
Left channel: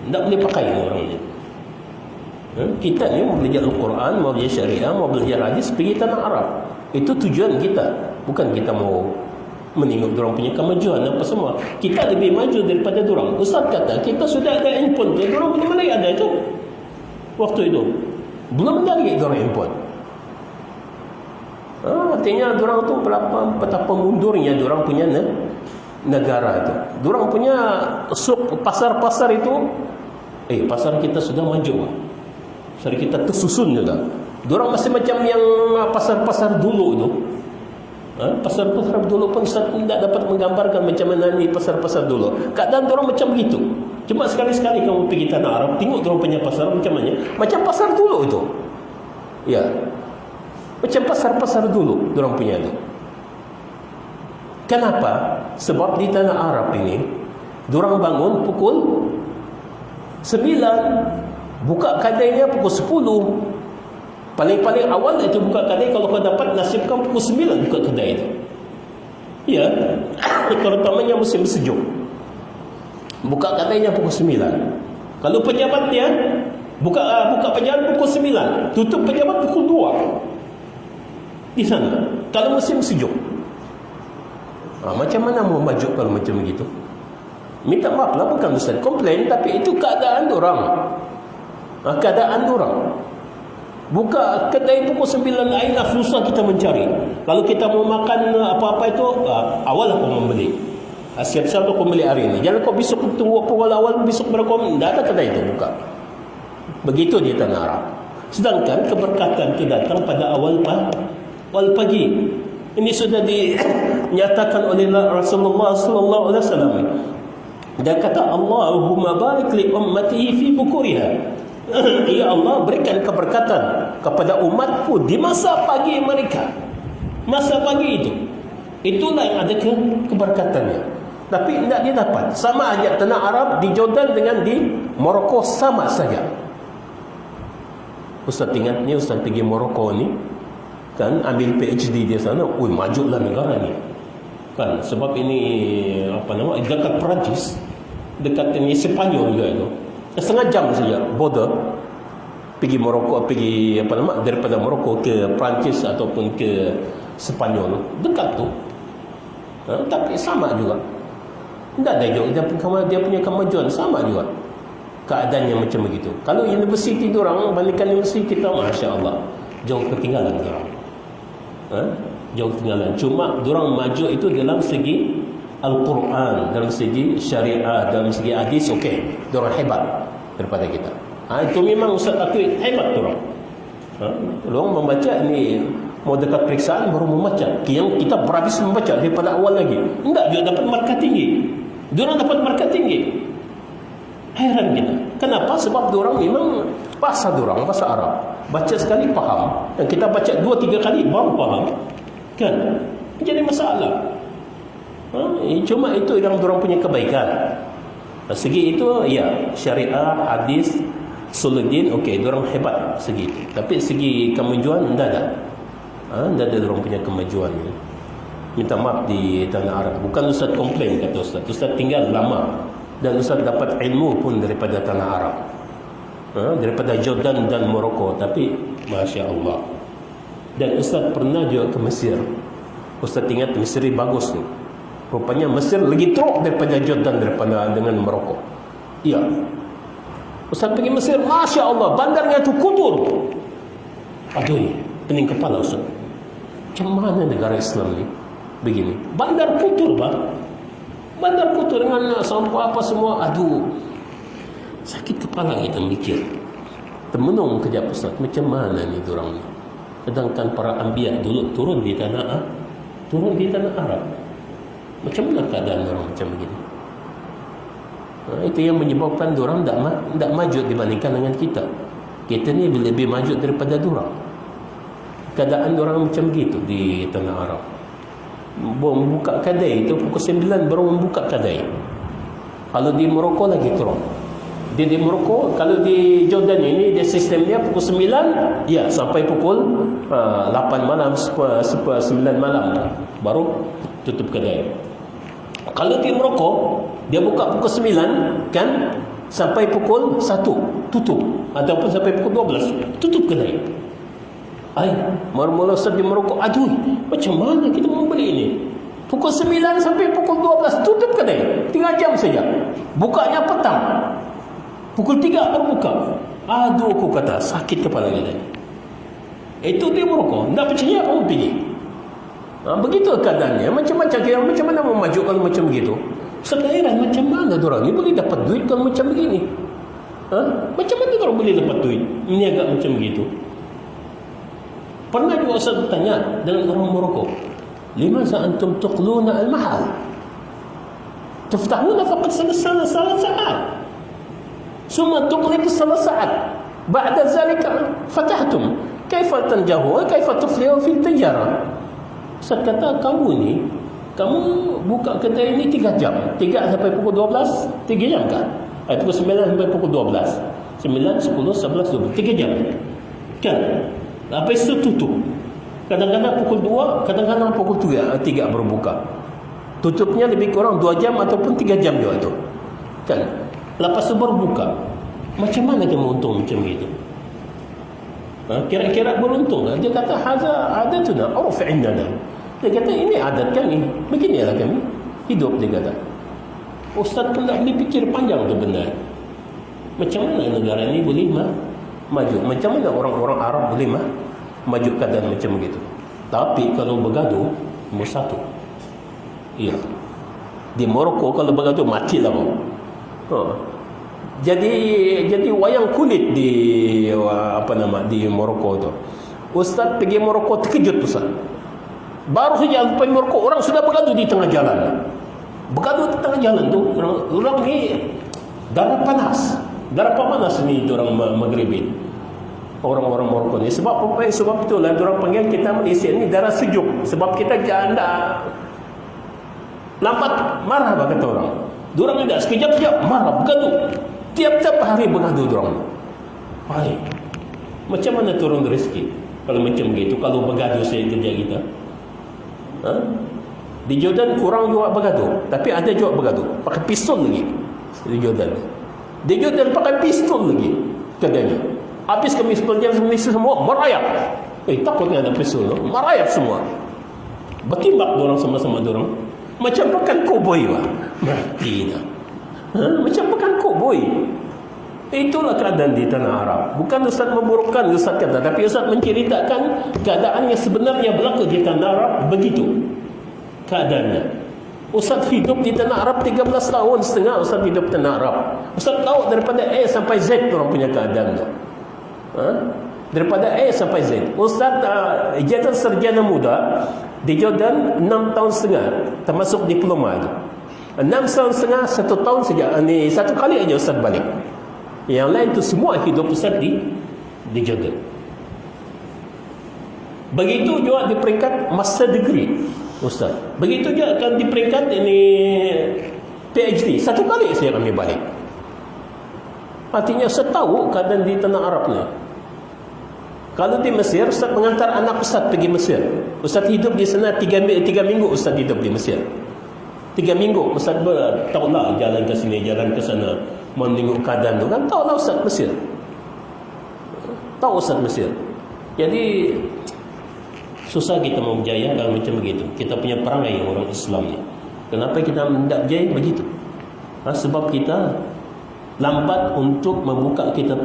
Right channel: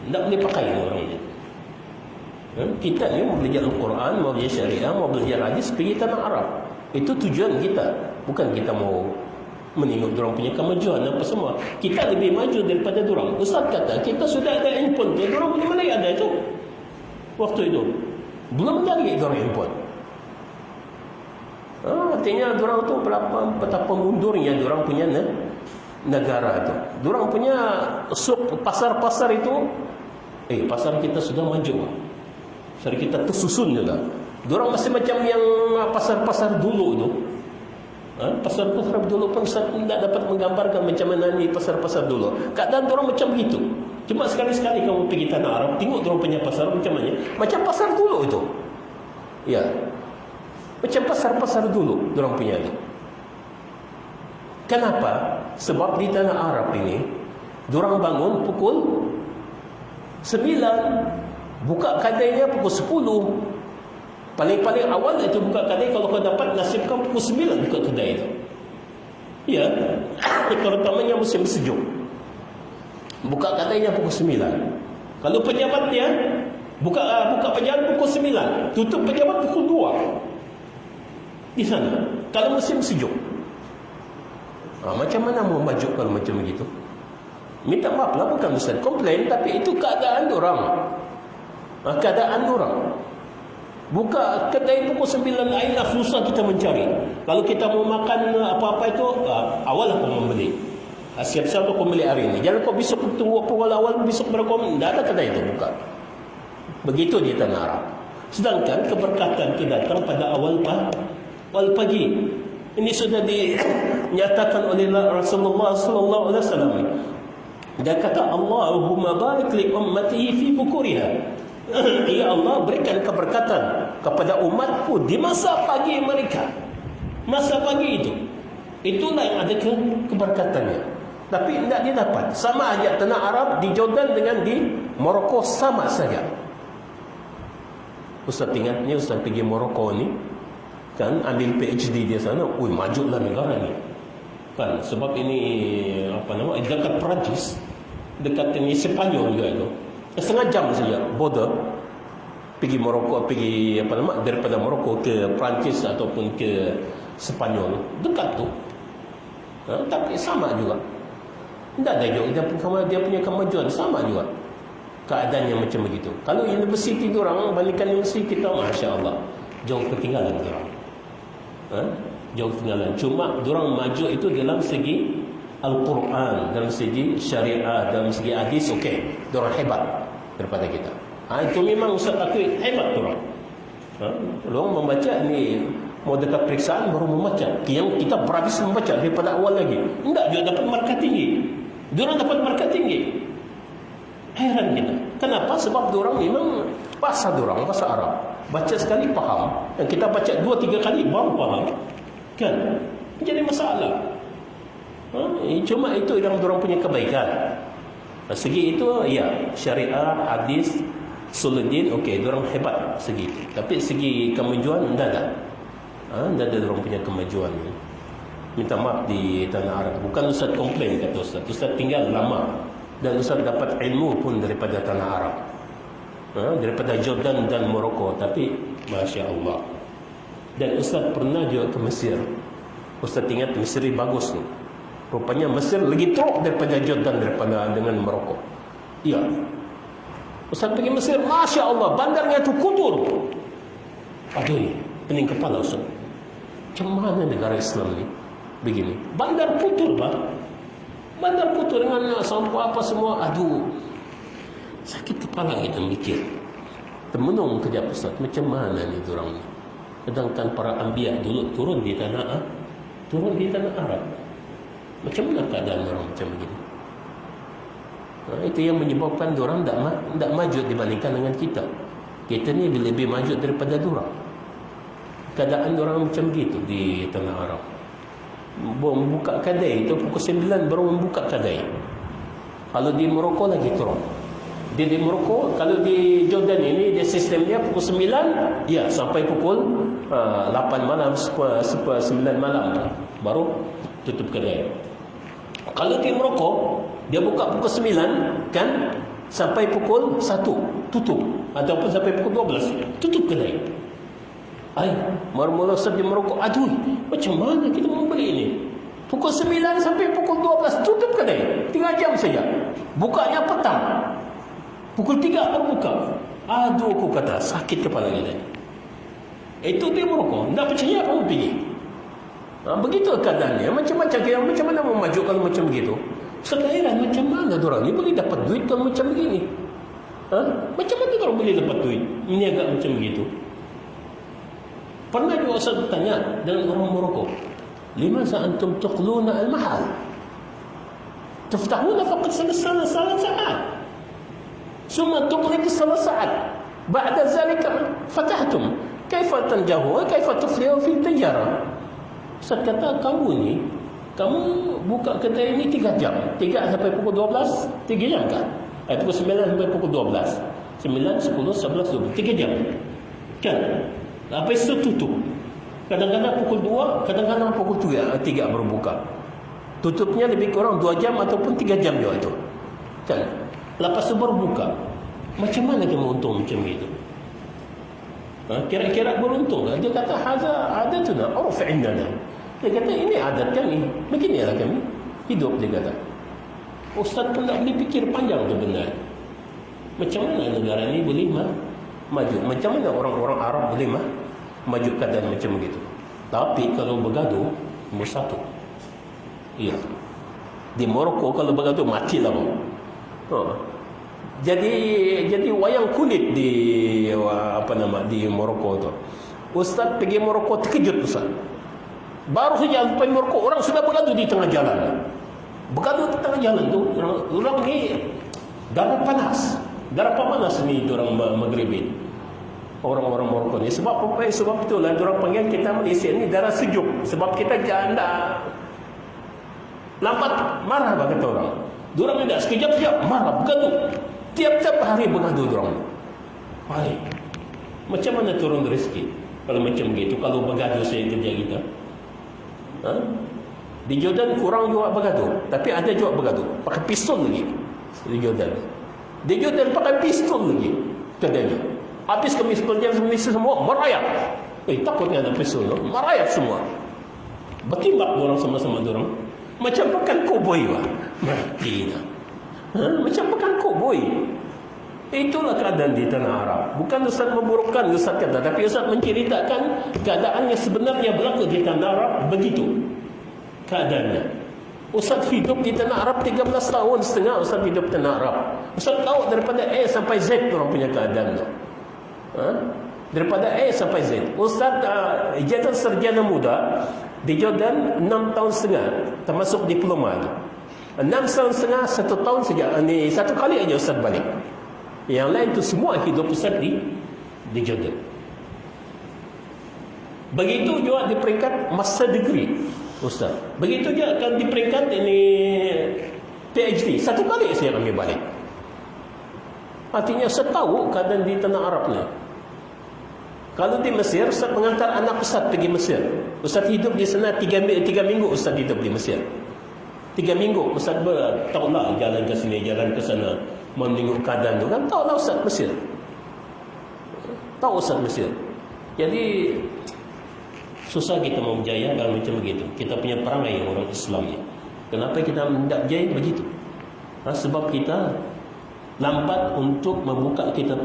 tak boleh pakai orang ini. Kita ni mau belajar Al-Quran, mau belajar syariah, mau belajar hadis, pergi tanah Arab. Itu tujuan kita. Bukan kita mau menengok diorang punya kemajuan apa semua. Kita lebih maju daripada diorang. Ustaz kata kita sudah ada handphone, jadi diorang punya mana ada itu waktu itu belum ada lagi diorang handphone. Artinya diorang tu betapa mundurnya diorang punya negara itu. Diorang punya pasar-pasar itu, pasar kita sudah maju. Pasar kita tersusun juga. Diorang masih macam yang pasar-pasar dulu itu. Pasar-pasar dulu pun Ustaz tidak dapat menggambarkan macam mana ni pasar-pasar dulu. Kadang diorang macam begitu. Cuma sekali-sekali kamu pergi tanah Arab, tengok diorang punya pasar macam mana. Macam pasar dulu itu. Ya. Macam pasar-pasar dulu diorang punya itu. Kenapa? Sebab di tanah Arab ini diorang bangun pukul 9 Buka kedainya pukul 10. Paling-paling awal itu buka kedai, kalau kau dapat nasibkan pukul 9 buka kedai itu. Ya, terutamanya musim sejuk. Buka kedainya pukul 9. Kalau pejabat dia buka pejabat pukul 9, tutup pejabat pukul 2. Di sana. Kalau musim sejuk. Macam mana mau maju kalau macam begitu? Minta maaf lah, bukan besar komplain, tapi itu keadaan orang. Keadaan orang. Buka kedai pukul 9, airlah susah kita mencari. Kalau kita mau makan apa-apa itu, awal aku membeli. Siap-siap aku beli hari ini. Jangan kau besok tunggu pukul awal, besok berapa, tidak ada kedai itu buka. Begitu di tanah Arab. Sedangkan keberkatan itu datang pada awal pagi. Ini sudah dinyatakan oleh Rasulullah sallallahu alaihi wasallam. Dia kata, Allahumma barik li ummati fi bukuriha. Ya Allah, berikan keberkatan kepada umatku di masa pagi mereka. Masa pagi itu, itulah yang ada keberkatannya. Tapi tidak didapat. Sama aja tanah Arab di Jordan dengan di Morocco sama saja. Ustaz ingat ni, Ustaz pergi Morocco ni, kan ambil PhD di sana. Majulah negara ni, kan, sebab ini dekat Perancis, dekat ini Sepanyol juga itu. Setengah jam saja border pergi Morocco, daripada Morocco ke Perancis ataupun ke Sepanyol, dekat tu. Tapi sama juga, tidak ada jauh. Dia punya kemajuan sama juga. Keadaannya macam begitu. Kalau universiti diorang bandingkan universiti kita, Masya Allah, jauh ketinggalan diorang. Jauh ketinggalan. Cuma diorang maju itu dalam segi Al-Quran, dalam segi syariah, dalam segi hadis, okey, diorang hebat daripada kita. Itu memang Ustaz akui hebat diorang. Diorang membaca ni, mau dekat periksaan baru membaca. Yang kita berhabis membaca daripada awal lagi. Tidak, dia dapat markah tinggi. Diorang dapat markah tinggi. Heran kita. Kenapa? Sebab diorang memang bahasa diorang, bahasa Arab. Baca sekali faham. Dan kita baca 2-3 kali baru faham. Kan? Jadi masalah. Cuma itu yang diorang punya kebaikan. Segi itu, ya, syariah, hadis, suludin, okey, diorang hebat segi. Tapi segi kemajuan, tidak ada. Tidak ada diorang punya kemajuan. Minta maaf di tanah Arab. Bukan Ustaz komplain, kata Ustaz. Ustaz tinggal lama. Dan Ustaz dapat ilmu pun daripada tanah Arab, daripada Jordan dan Morocco. Tapi Masya Allah. Dan Ustaz pernah juga ke Mesir. Ustaz ingat Mesir bagus tu. Rupanya Mesir lagi teruk daripada Jordan, dengan Morocco. Ya, Ustaz pergi Mesir, Masya Allah, bandarnya tu kotor. Aduh, pening kepala Ustaz. Macam mana negara Islam ni begini? Bandar kotor, Pak. Bandar kotor dengan sampah apa semua. Aduh, sakit kepala kita mikir. Termenung kejap Ustaz, macam mana ni diorang ni? Sedangkan para anbiya dulu turun di tanah Arab. Macam mana keadaan orang macam begini? Itu yang menyebabkan diorang tidak maju dibandingkan dengan kita. Kita ni lebih maju daripada diorang. Keadaan diorang macam gitu di tanah Arab. Membuka kedai itu pukul 9 baru membuka kedai. Kalau di Morocco lagi turun. Di Morocco, kalau di Jordan ini dia sistemnya pukul 9 ya sampai pukul 8 malam, 9 malam baru tutup kedai. Kalau di Morocco dia buka pukul 9 kan sampai pukul 1 tutup, ataupun sampai pukul 12 tutup kedai. Mula-mula Ustaz di Morocco, aduh, macam mana kita mau beli ini? Pukul 9 sampai pukul 12 tutup kedai, 3 jam saja. Bukanya petang, pukul 3 baru buka. Aduh, aku kata sakit kepala kita. Itu di Morocco, tak percaya kamu pergi. Begitu keadaannya. Macam mana mau maju kalau macam begitu? Sekarang macam mana orang ni boleh dapat duit kalau macam begini? Macam mana orang boleh dapat duit? Ini agak macam begitu. Pernah juga Ustaz bertanya dalam orang Morocco, limaza antum tuqluna al-mahal? Taftahuna faqad salat sa'at. Summa tuqlibu salat sa'at. Ba'da zalika fatahtum. Kaifa tanjahu? Kaifa tuflihu fi tijara? Ustaz kata, kamu buka kedai ini 3 jam. 3 sampai pukul 12, 3 jam kan? Pukul 9 sampai pukul 12. 9, 10, 11, 12, 3 jam. Kan? Lepas itu tutup. Kadang-kadang pukul 2, kadang-kadang pukul 3 berbuka. Tutupnya lebih kurang 2 jam ataupun 3 jam juga itu. Kan? Lepas itu baru buka. Macam mana dia untung macam itu? Kira-kira beruntung. Dia kata ada tu dah. Oh, fi'inna dah. Dia kata ini adat kami. Beginilah kami hidup, dia kata. Ustaz pun tak boleh fikir panjang tu benda. Macam mana negara ini boleh maju? Macam mana orang-orang Arab boleh maju keadaan macam begitu? Tapi kalau bergaduh, nombor 1. Ya. Di Morocco kalau bergaduh matilah kau. Jadi wayang kulit di di Morocco tu. Ustaz pergi Morocco terkejut Ustaz. Baru saja sampai Morocco orang sudah bergaduh di tengah jalan. Bergaduh di tengah jalan tu orang ni darah panas ni orang Maghribi. Orang-orang Morocco ni sebab itulah orang panggil kita Malaysia ni darah sejuk sebab kita janda lambat marah kata orang. Diorang tidak sekejap-sekejap marah bergaduh. Tiap-tiap hari bergaduh diorang. Baik. Macam mana turun rezeki kalau macam begitu? Kalau bergaduh saya kerja kita. Di Jordan kurang juga bergaduh, tapi ada juga bergaduh pakai pistol lagi. Di Jordan pakai pistol lagi kerjanya. Habis ke pistolnya semua merayap. Takutnya ada pistol tu. Merayap semua. Bertimbak diorang sama-sama diorang. Macam pakai koboi lah. Mati dah. Macam makan koboi. Itulah keadaan di tanah Arab. Bukan Ustaz memburukkan Ustaz kata, tapi Ustaz menceritakan keadaan yang sebenarnya berlaku di tanah Arab begitu keadaannya. Ustaz hidup di tanah Arab 13 tahun setengah. Ustaz hidup di tanah Arab. Ustaz tahu daripada A sampai Z orang punya keadaan tu. Daripada A sampai Z. Ustaz ijazah sarjana muda di Jordan 6 tahun setengah termasuk diploma itu. 6 tahun setengah, 1 tahun saja. Ini 1 kali aja Ustaz balik. Yang lain itu semua hidup Ustaz di Jordan. Begitu juga di peringkat master degree Ustaz. Begitu juga akan di peringkat ini PhD. 1 kali saya ambil balik. Artinya Ustaz tahu keadaan di tanah Arab ni. Kalau di Mesir, Ustaz mengantar anak Ustaz pergi Mesir. Ustaz hidup di sana 3 minggu Ustaz hidup di Mesir. 3 minggu Ustaz tahulah jalan ke sini, jalan ke sana, menengok keadaan tu kan, tahulah Ustaz Mesir. Tahu Ustaz Mesir. Jadi susah kita mau berjaya kalau macam begitu. Kita punya perangai orang Islam ni. Kenapa kita tidak berjaya begitu? Sebab kita lambat untuk membuka kita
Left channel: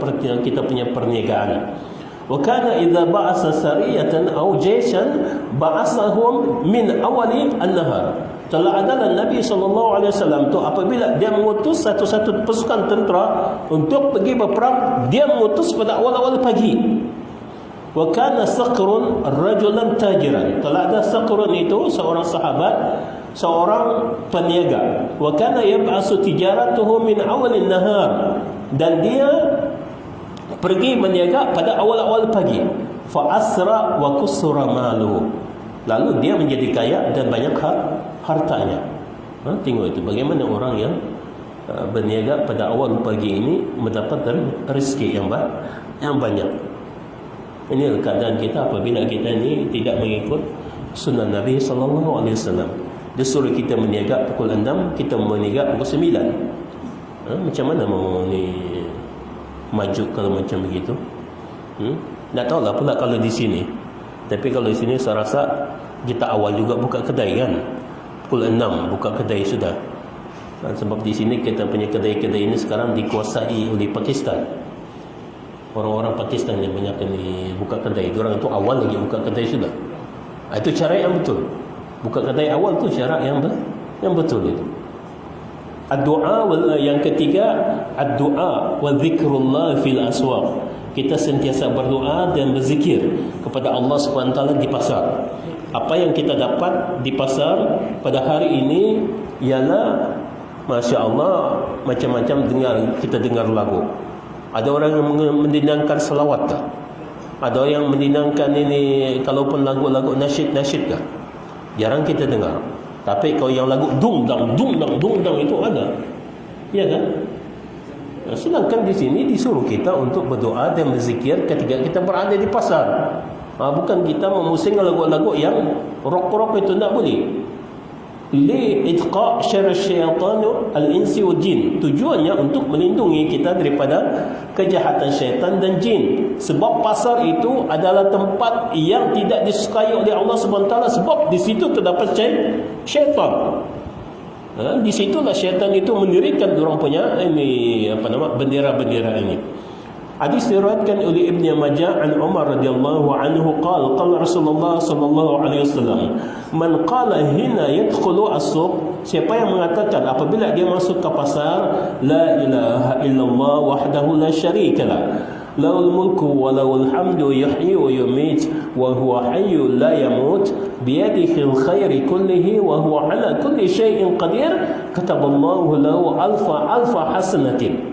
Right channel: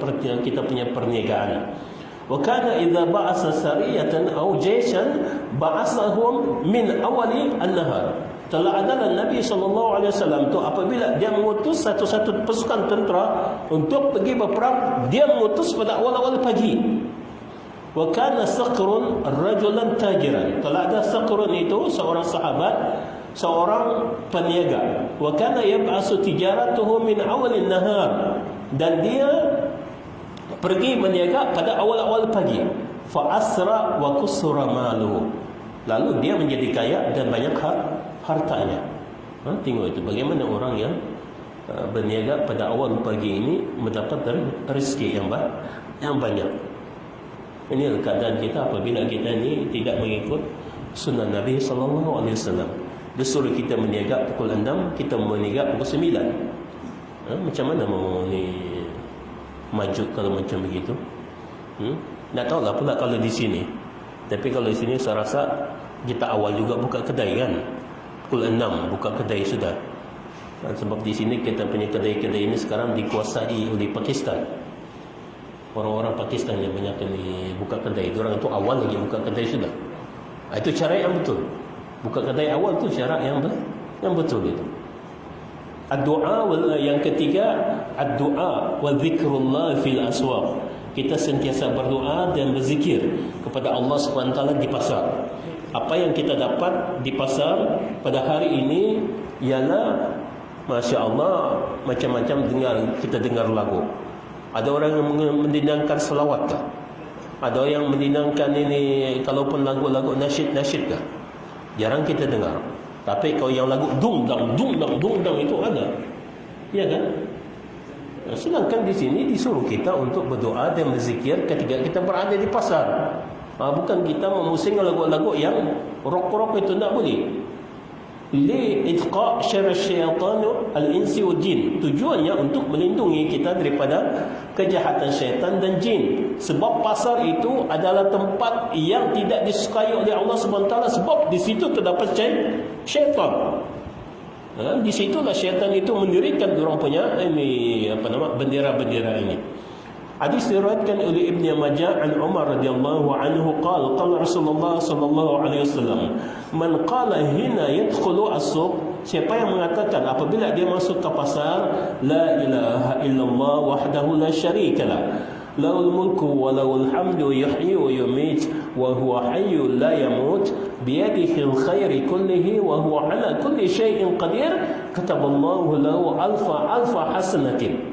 punya perniagaan. Wa kana idza ba'asa sariyatan aw jayshan ba'asahum min awali an-nahar. Telah adalah Nabi SAW tu apabila dia mengutus satu-satu pasukan tentera untuk pergi berperang, dia mengutus pada awal-awal pagi. Wa kana Saqrun rajulan tajiran. Telah ada Saqrun itu seorang sahabat, seorang peniaga. Wa kana yab'asu tijaratuhu min awalin nahar. Dan dia pergi berniaga pada awal-awal pagi. Fa asra wa kusura malu. Lalu dia menjadi kaya dan banyak hartanya. Tengok itu bagaimana orang yang berniaga pada awal pagi ini mendapatkan rezeki yang banyak. Ini keadaan kita apabila kita ini tidak mengikut sunnah Nabi SAW. Dia suruh kita berniaga pukul 6, kita berniaga pukul 9. Macam mana mau ni maju kalau macam begitu? Tak tahulah pula kalau di sini. Tapi kalau di sini saya rasa kita awal juga buka kedai kan. Pukul 6 buka kedai sudah. Sebab di sini kita punya kedai-kedai ini sekarang dikuasai oleh Pakistan. Orang-orang Pakistan yang banyak ini buka kedai. Diorang itu awal lagi buka kedai sudah. Itu cara yang betul. Buka kedai awal tu syarat yang betul itu. Ad-du'a yang ketiga, ad-du'a wa zikrullah fil aswaq. Kita sentiasa berdoa dan berzikir kepada Allah SWT di pasar. Apa yang kita dapat di pasar pada hari ini ialah Masya Allah, macam-macam kita dengar lagu. Ada orang yang mendendangkan selawat tak? Ada orang yang mendendangkan ini, kalaupun lagu-lagu nasyid tak? Jarang kita dengar. Tapi kalau yang lagu dungdang itu ada. Ya kan? Sedangkan di sini disuruh kita untuk berdoa dan berzikir ketika kita berada di pasar. Bukan kita memusing lagu-lagu yang rock-rock itu, tak boleh. Li'itqa syarr syaitan al-insi wal jin. Tujuannya untuk melindungi kita daripada kejahatan syaitan dan jin. Sebab pasar itu adalah tempat yang tidak disukai oleh Allah SWT, sebab di situ terdapat syaitan. Di situlah syaitan itu mendirikan orang punya bendera-bendera ini. Hadis diriwayatkan oleh Ibnu Majah an Umar radhiyallahu anhu qala Rasulullah sallallahu alaihi wasallam, man qala hina yadkhulu as-suq, siapa yang mengatakan apabila dia masuk ke pasar, la ilaha illallah wahdahu la syarikalah, lahul mulku wa lahul hamdu yuhyi wa yumiit wa huwa hayyun la yamut biyadihi al-khairu kullihi wa huwa ala kulli syai'in qadir, kataballahu lahu alfa hasanatin.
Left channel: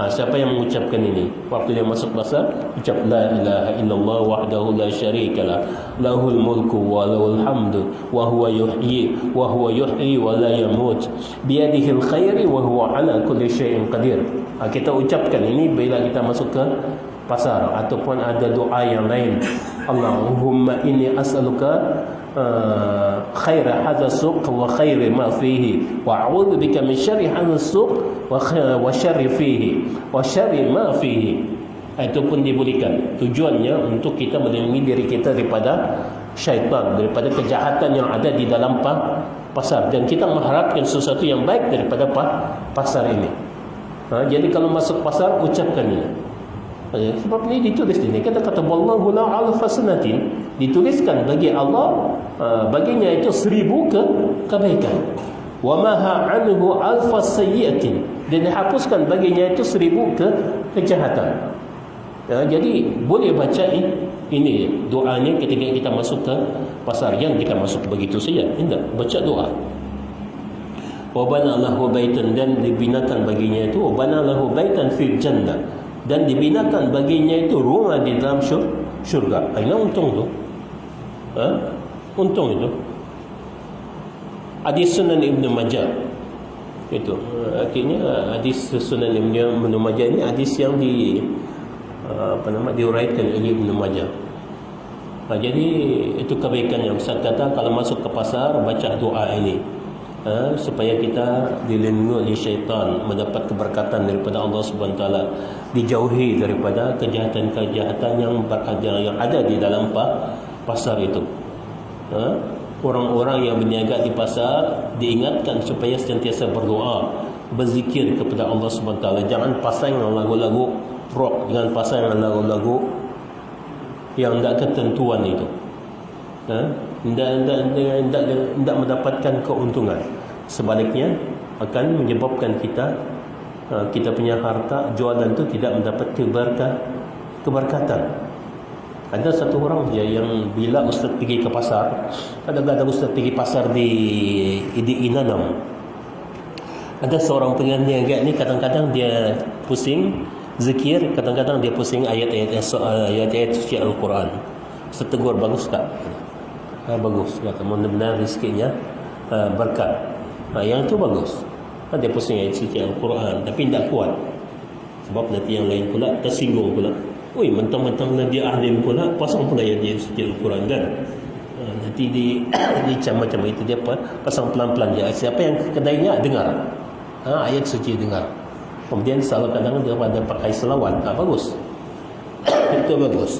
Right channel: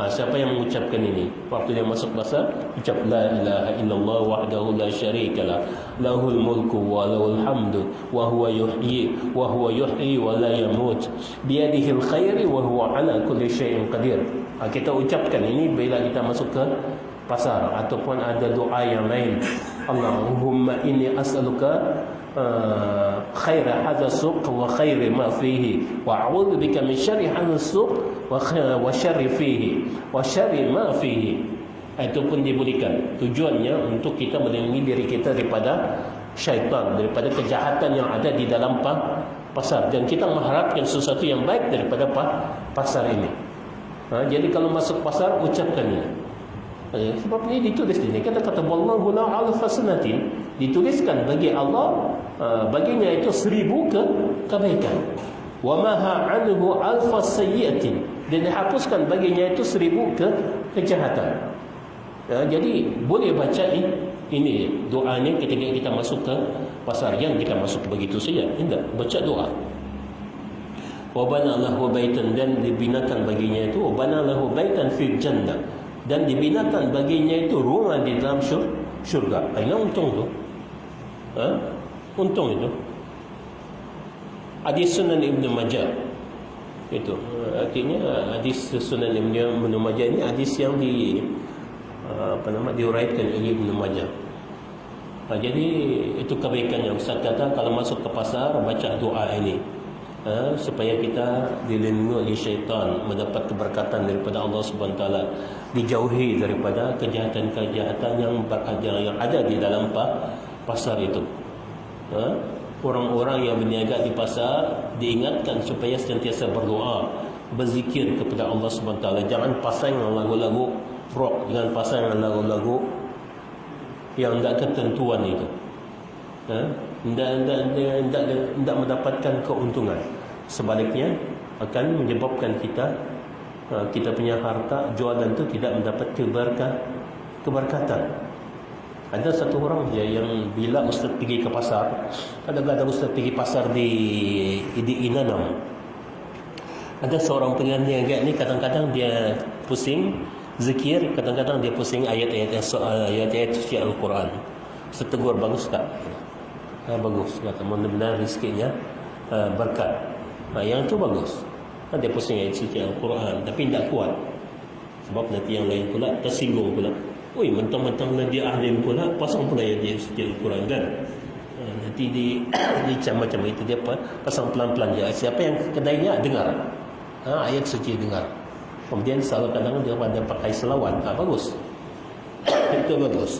Siapa yang mengucapkan ini apabila masuk pasar, ucap la ilaha illallah wahdahu la syarikalah, lahul mulku wa lahul hamdu wa huwa yuhyi wa la yamut biyadihi al-khairu wa huwa ala kulli syai'in qadir. Kita ucapkan ini bila kita masuk ke pasar, ataupun ada doa yang lain. Allahumma inni as'aluka khaira hadha suq wa khairi ma fihi wa a'udzu bika min syarri hadha suq wa syarri fihi wa syarri ma fihi. Itu pun diberikan tujuannya untuk kita melindungi diri kita daripada syaitan, daripada kejahatan yang ada di dalam pasar, dan kita mengharapkan sesuatu yang baik daripada pasar ini. Jadi kalau masuk pasar, ucapkan ini. Sebab ini ditulis ini, kata wallahu la alfasnatin, dituliskan bagi Allah baginya itu 1000 kebaikan. Wa maha anhu alfas sayyi'atin, dan dihapuskan baginya itu 1000 kejahatan. Jadi boleh baca ini doanya ketika kita masuk ke pasar. Yang kita masuk begitu saja, tidak, baca doa. Wa bana lahu baitan, dan dibinakan baginya itu wa bana lahu baitan fil jannah, dan dibinakan baginya itu rumah di dalam syurga. Ini untung tu. Untung itu. Hadis Sunan Ibnu Majah. Itu artinya hadis Sunan Ibnu Majah ini hadis yang diuraikan oleh Ibnu Majah. Jadi itu kebaikan yang saya kata, kalau masuk ke pasar baca doa ini. Supaya kita dilindungi oleh syaitan, mendapat keberkatan daripada Allah SWT, dijauhi daripada kejahatan-kejahatan yang ada di dalam pasar itu. Orang-orang yang berniaga di pasar diingatkan supaya sentiasa berdoa, berzikir kepada Allah SWT. Jangan pasang lagu-lagu rock, jangan pasang lagu-lagu yang tidak ketentuan itu. Tidak mendapatkan keuntungan. Sebaliknya akan menyebabkan kita punya harta jualan itu tidak mendapat keberkatan. Ada satu orang dia yang bila ustaz pergi ke pasar, ada ustaz pergi pasar di Inanam. Ada seorang peniaga ini, kadang-kadang dia pusing zikir, kadang-kadang dia pusing ayat-ayat suci Al-Quran. Setegur, bagus tak? Bagus, kata mudah-mudahan rezekinya berkat. Yang tu bagus. Dia pusing ayat suci Al-Quran, tapi tidak kuat. Sebab nanti yang lain pula tersinggung pula. Oi, mentang-mentang dia ahli pula, pasang pula ayat suci Al-Quran kan? Nanti dicam macam itu, dia pasang pelan-pelan je. Siapa yang kedainya dengar, ayat suci dengar. Kemudian salah kadang-kadang dia pada pakai selawat. Bagus. Itu bagus.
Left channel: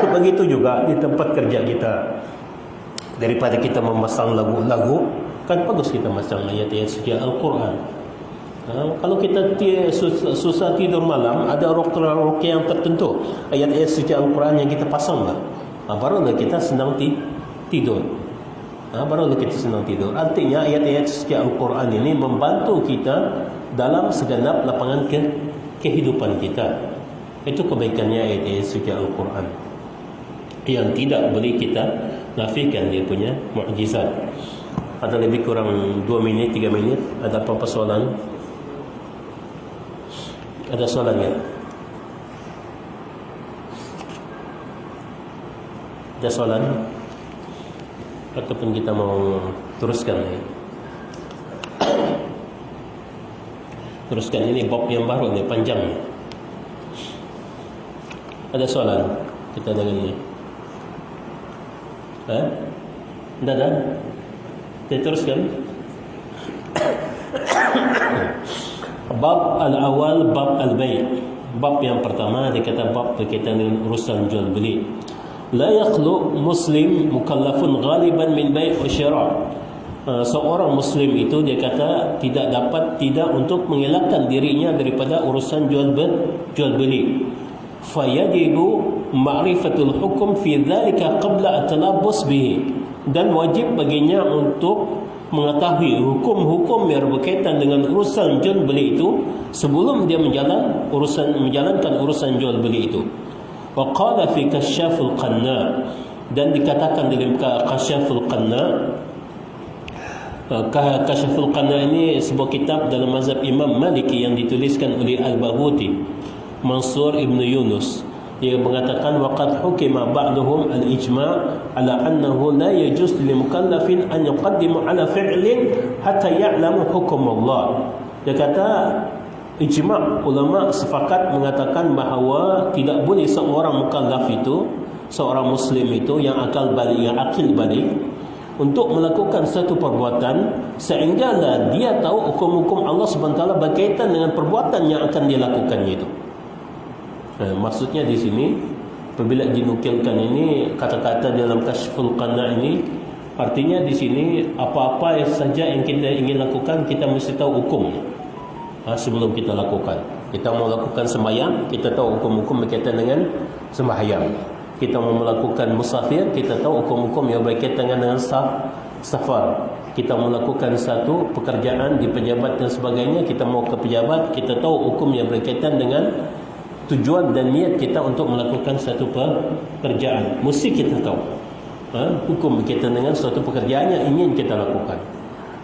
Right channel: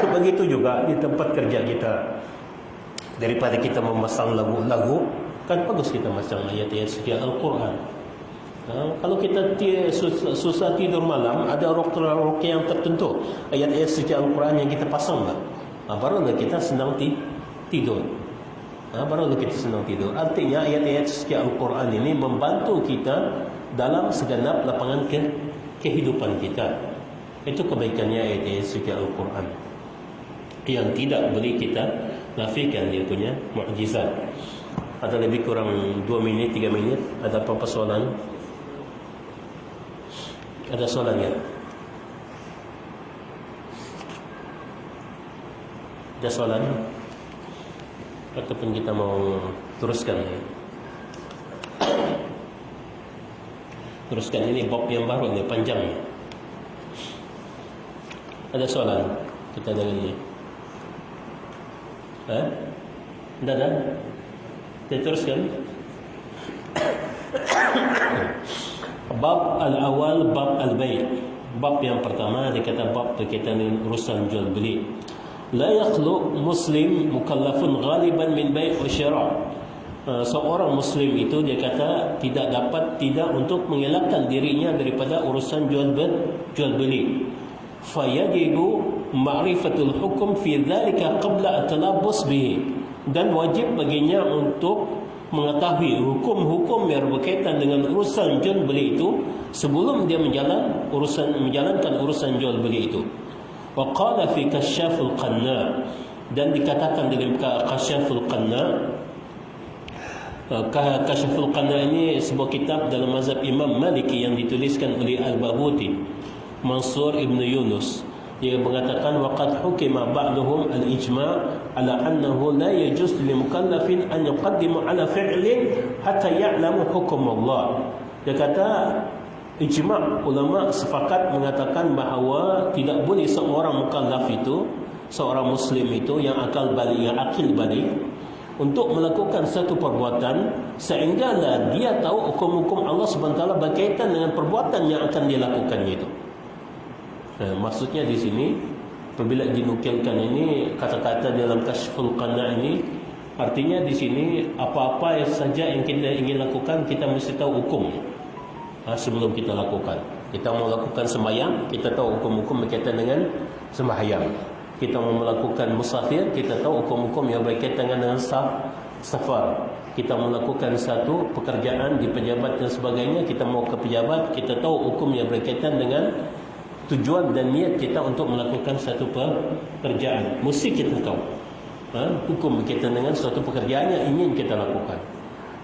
Begitu juga di tempat kerja kita. Daripada kita memasang lagu-lagu, kan bagus kita masang ayat-ayat suci Al-Quran. Kalau kita susah tidur malam, ada rok yang tertentu, ayat-ayat suci Al-Quran yang kita pasang lah. Barulah kita senang tidur. Barulah kita senang tidur. Artinya ayat-ayat suci Al-Quran ini membantu kita dalam segenap lapangan kehidupan kita. Itu kebaikannya ayat-ayat suci Al-Quran, yang tidak boleh kita nafikan dia punya mukjizat. Ada lebih kurang 2 minit, 3 minit. Ada apa-apa soalan? Ada soalan ya? Ada soalan? Ataupun kita mau teruskan? Teruskan, ini bab yang baru ni, panjang ni. Ada soalan kita dengan ini? Dah. Kita teruskan. Bab al-awal, bab al-bay'. Bab yang pertama dia kata bab berkaitan dengan urusan jual beli. La yakhlu muslim mukallafun ghaliban min bay' wa syira'. Seorang muslim itu dia kata tidak untuk mengelakkan dirinya daripada urusan jual beli. Fayajibu ma'rifatul hukum fi dhalika qabla at-talabbus bihi. Dan wajib baginya untuk mengetahui hukum-hukum yang berkaitan dengan urusan jual beli itu sebelum dia menjalankan urusan jual beli itu. Wa qala fi kasyaful qanna, dan dikatakan dalam kasyaful qanna. Kasyaful Qanna ini sebuah kitab dalam mazhab Imam Maliki yang dituliskan oleh Al-Baghuti Mansur Ibn Yunus. Dia mengatakan waqad hukima ba'duhum al-ijma' ala annahu la yajuz lil mukallafin an yuqaddimu ala fi'lin hatta ya'lamu hukum Allah. Dia kata ijma' ulama sepakat mengatakan bahawa tidak boleh seorang mukallaf itu, seorang muslim itu yang akil balik untuk melakukan satu perbuatan sehinggalah dia tahu hukum-hukum Allah SWT berkaitan dengan perbuatan yang akan dia lakukan itu. Maksudnya di sini apabila dinukilkan ini kata-kata dalam Kasyful Qanna ini, artinya di sini apa-apa saja yang kita ingin lakukan kita mesti tahu hukum sebelum kita lakukan. Kita mau lakukan sembahyang, kita tahu hukum-hukum berkaitan dengan sembahyang. Kita mau melakukan musafir, kita tahu hukum-hukum yang berkaitan dengan safar. Kita melakukan satu pekerjaan di pejabat dan sebagainya, kita mau ke pejabat, kita tahu hukum yang berkaitan dengan tujuan dan niat kita untuk melakukan satu pekerjaan. Mesti kita tahu hukum berkaitan dengan suatu pekerjaan yang ingin kita lakukan.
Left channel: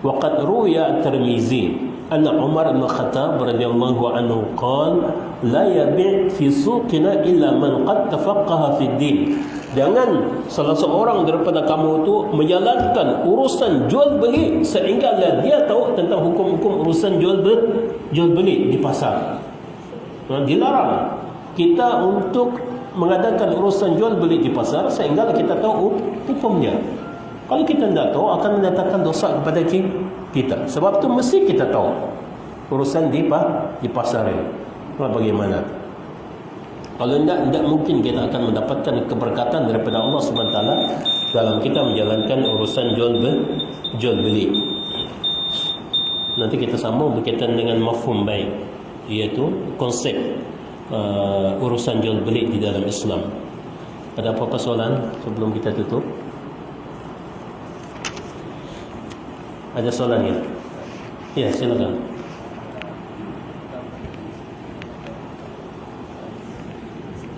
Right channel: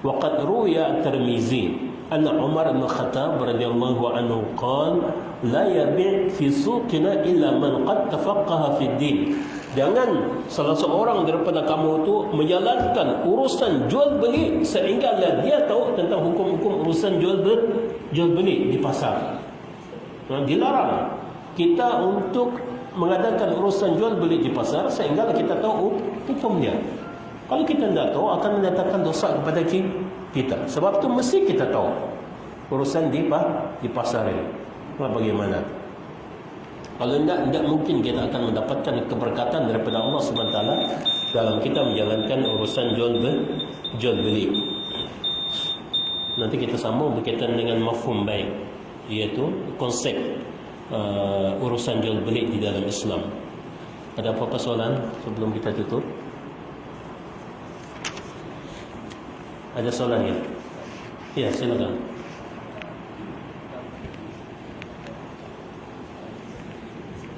Waqad ruya Tirmizi anna Umar bin Khattab radhiyallahu anhu qala la yabi' fi suqina illa man qad tafaqqaha fi din. Jangan salah seorang daripada kamu itu menjalankan urusan jual beli sehingga dia tahu tentang hukum-hukum urusan jual beli di pasar. Dilarang kita untuk mengadakan urusan jual beli di pasar sehingga kita tahu hukumnya. Kalau kita tidak tahu akan mendatangkan dosa kepada kita. Sebab itu mesti kita tahu urusan di pasar ini. Bagaimana? Kalau tidak mungkin kita akan mendapatkan keberkatan daripada Allah SWT dalam kita menjalankan urusan jual beli. Nanti kita sambung berkaitan dengan mafhum baik, iaitu konsep urusan jual beli di dalam Islam. Ada apa-apa soalan sebelum kita tutup? Ada soalan ya? Ya, silakan.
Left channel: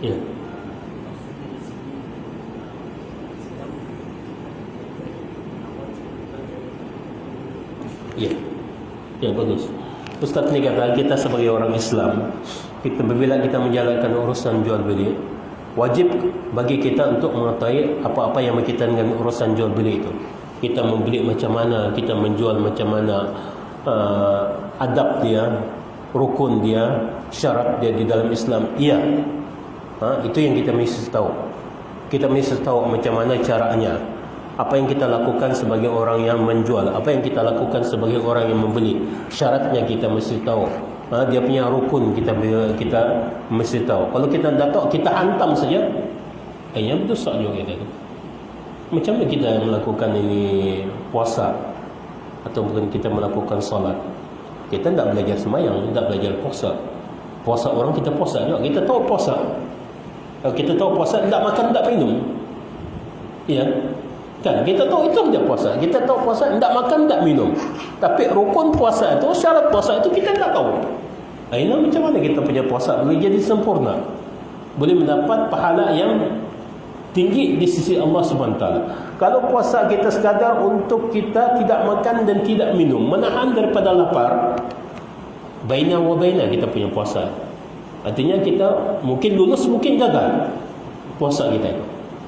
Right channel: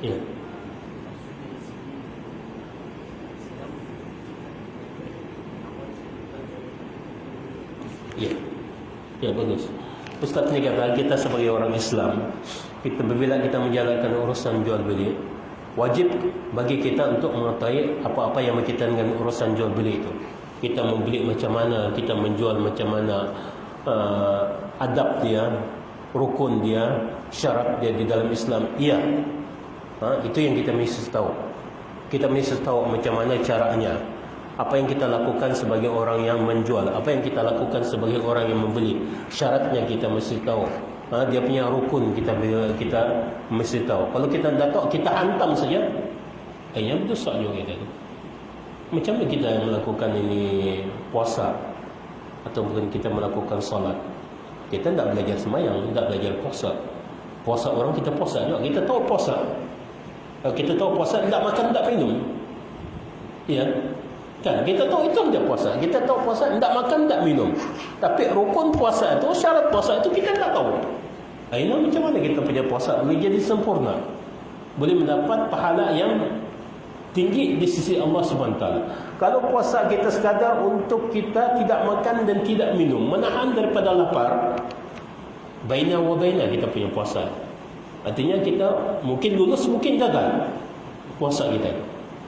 Ya. Ya, bagus. Ustaz ni kata kita sebagai orang Islam, bila kita menjalankan urusan jual beli, wajib bagi kita untuk mengetahui apa-apa yang berkaitan dengan urusan jual beli itu. Kita membeli macam mana, kita menjual macam mana, adab dia, rukun dia, syarat dia di dalam Islam. Iya, itu yang kita mesti tahu. Kita mesti tahu macam mana caranya. Apa yang kita lakukan sebagai orang yang menjual, apa yang kita lakukan sebagai orang yang membeli, syaratnya kita mesti tahu. Dia punya rukun kita mesti tahu. Kalau kita tidak tahu, kita hantam saja, yang berdosa juga kita. Macam mana kita melakukan ini puasa atau bukan kita melakukan solat? Kita tidak belajar sembahyang, tidak belajar puasa. Puasa orang kita puasa juga. Kita tahu puasa. Kalau kita tahu puasa, tidak makan, tidak minum. Ya, kan? Kita tahu itu dia puasa. Kita tahu puasa, tidak makan, tidak minum. Tapi rukun puasa itu, syarat puasa itu kita tidak tahu. Ini macam mana kita punya puasa boleh jadi sempurna, boleh mendapat pahala yang tinggi di sisi Allah SWT. Kalau puasa kita sekadar untuk kita tidak makan dan tidak minum, menahan daripada lapar, baina wa baina kita punya puasa. Artinya kita mungkin lulus, mungkin gagal puasa kita.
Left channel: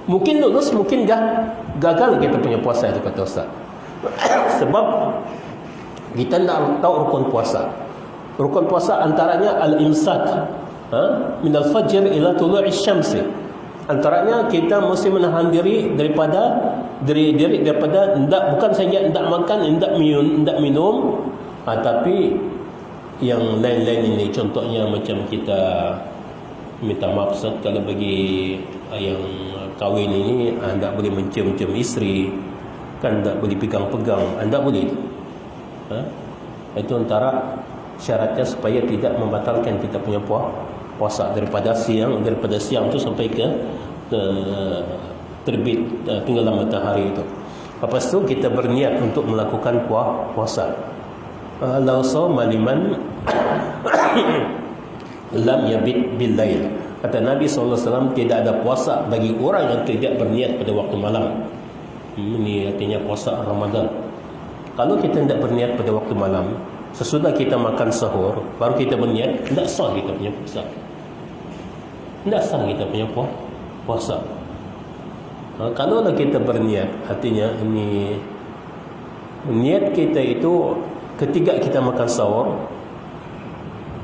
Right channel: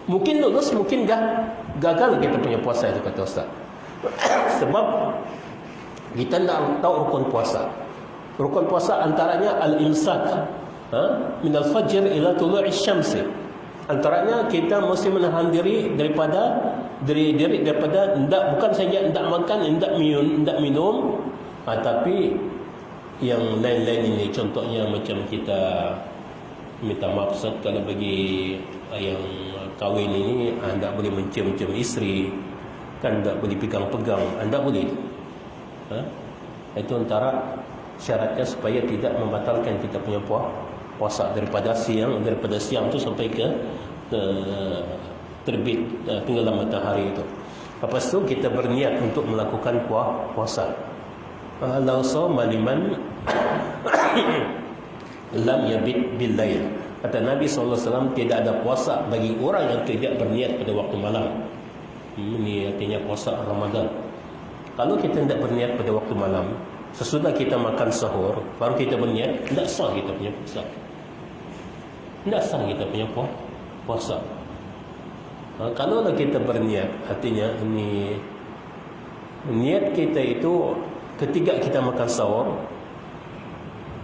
Mungkin lulus, mungkin gagal kita punya puasa, dia kata Ustaz. Sebab kita tidak tahu rukun puasa. Rukun puasa antaranya al-imsak, min al-fajr ila tulu'i syams. Antaranya kita mesti menahan diri daripada bukan saja tidak makan, tidak minum, tapi yang lain-lain ini. Contohnya macam kita minta maaf Ustaz, kalau bagi yang kahwin ini tidak boleh mencium-cium isteri, kan tidak boleh pegang-pegang, tidak boleh. Itu antara syaratnya supaya tidak membatalkan kita punya puasa daripada siang tu sampai ke terbit tenggelam matahari itu. Lepas tu kita berniat untuk melakukan puasa. La sawma liman lam yabit bil lail. Kata Nabi SAW, tidak ada puasa bagi orang yang tidak berniat pada waktu malam. Ini artinya puasa Ramadan. Kalau kita tidak berniat pada waktu malam, sesudah kita makan sahur baru kita berniat, tidak sah kita punya puasa. Tidak sah kita punya puasa. Kalau kita berniat, artinya ini niat kita itu ketika kita makan sahur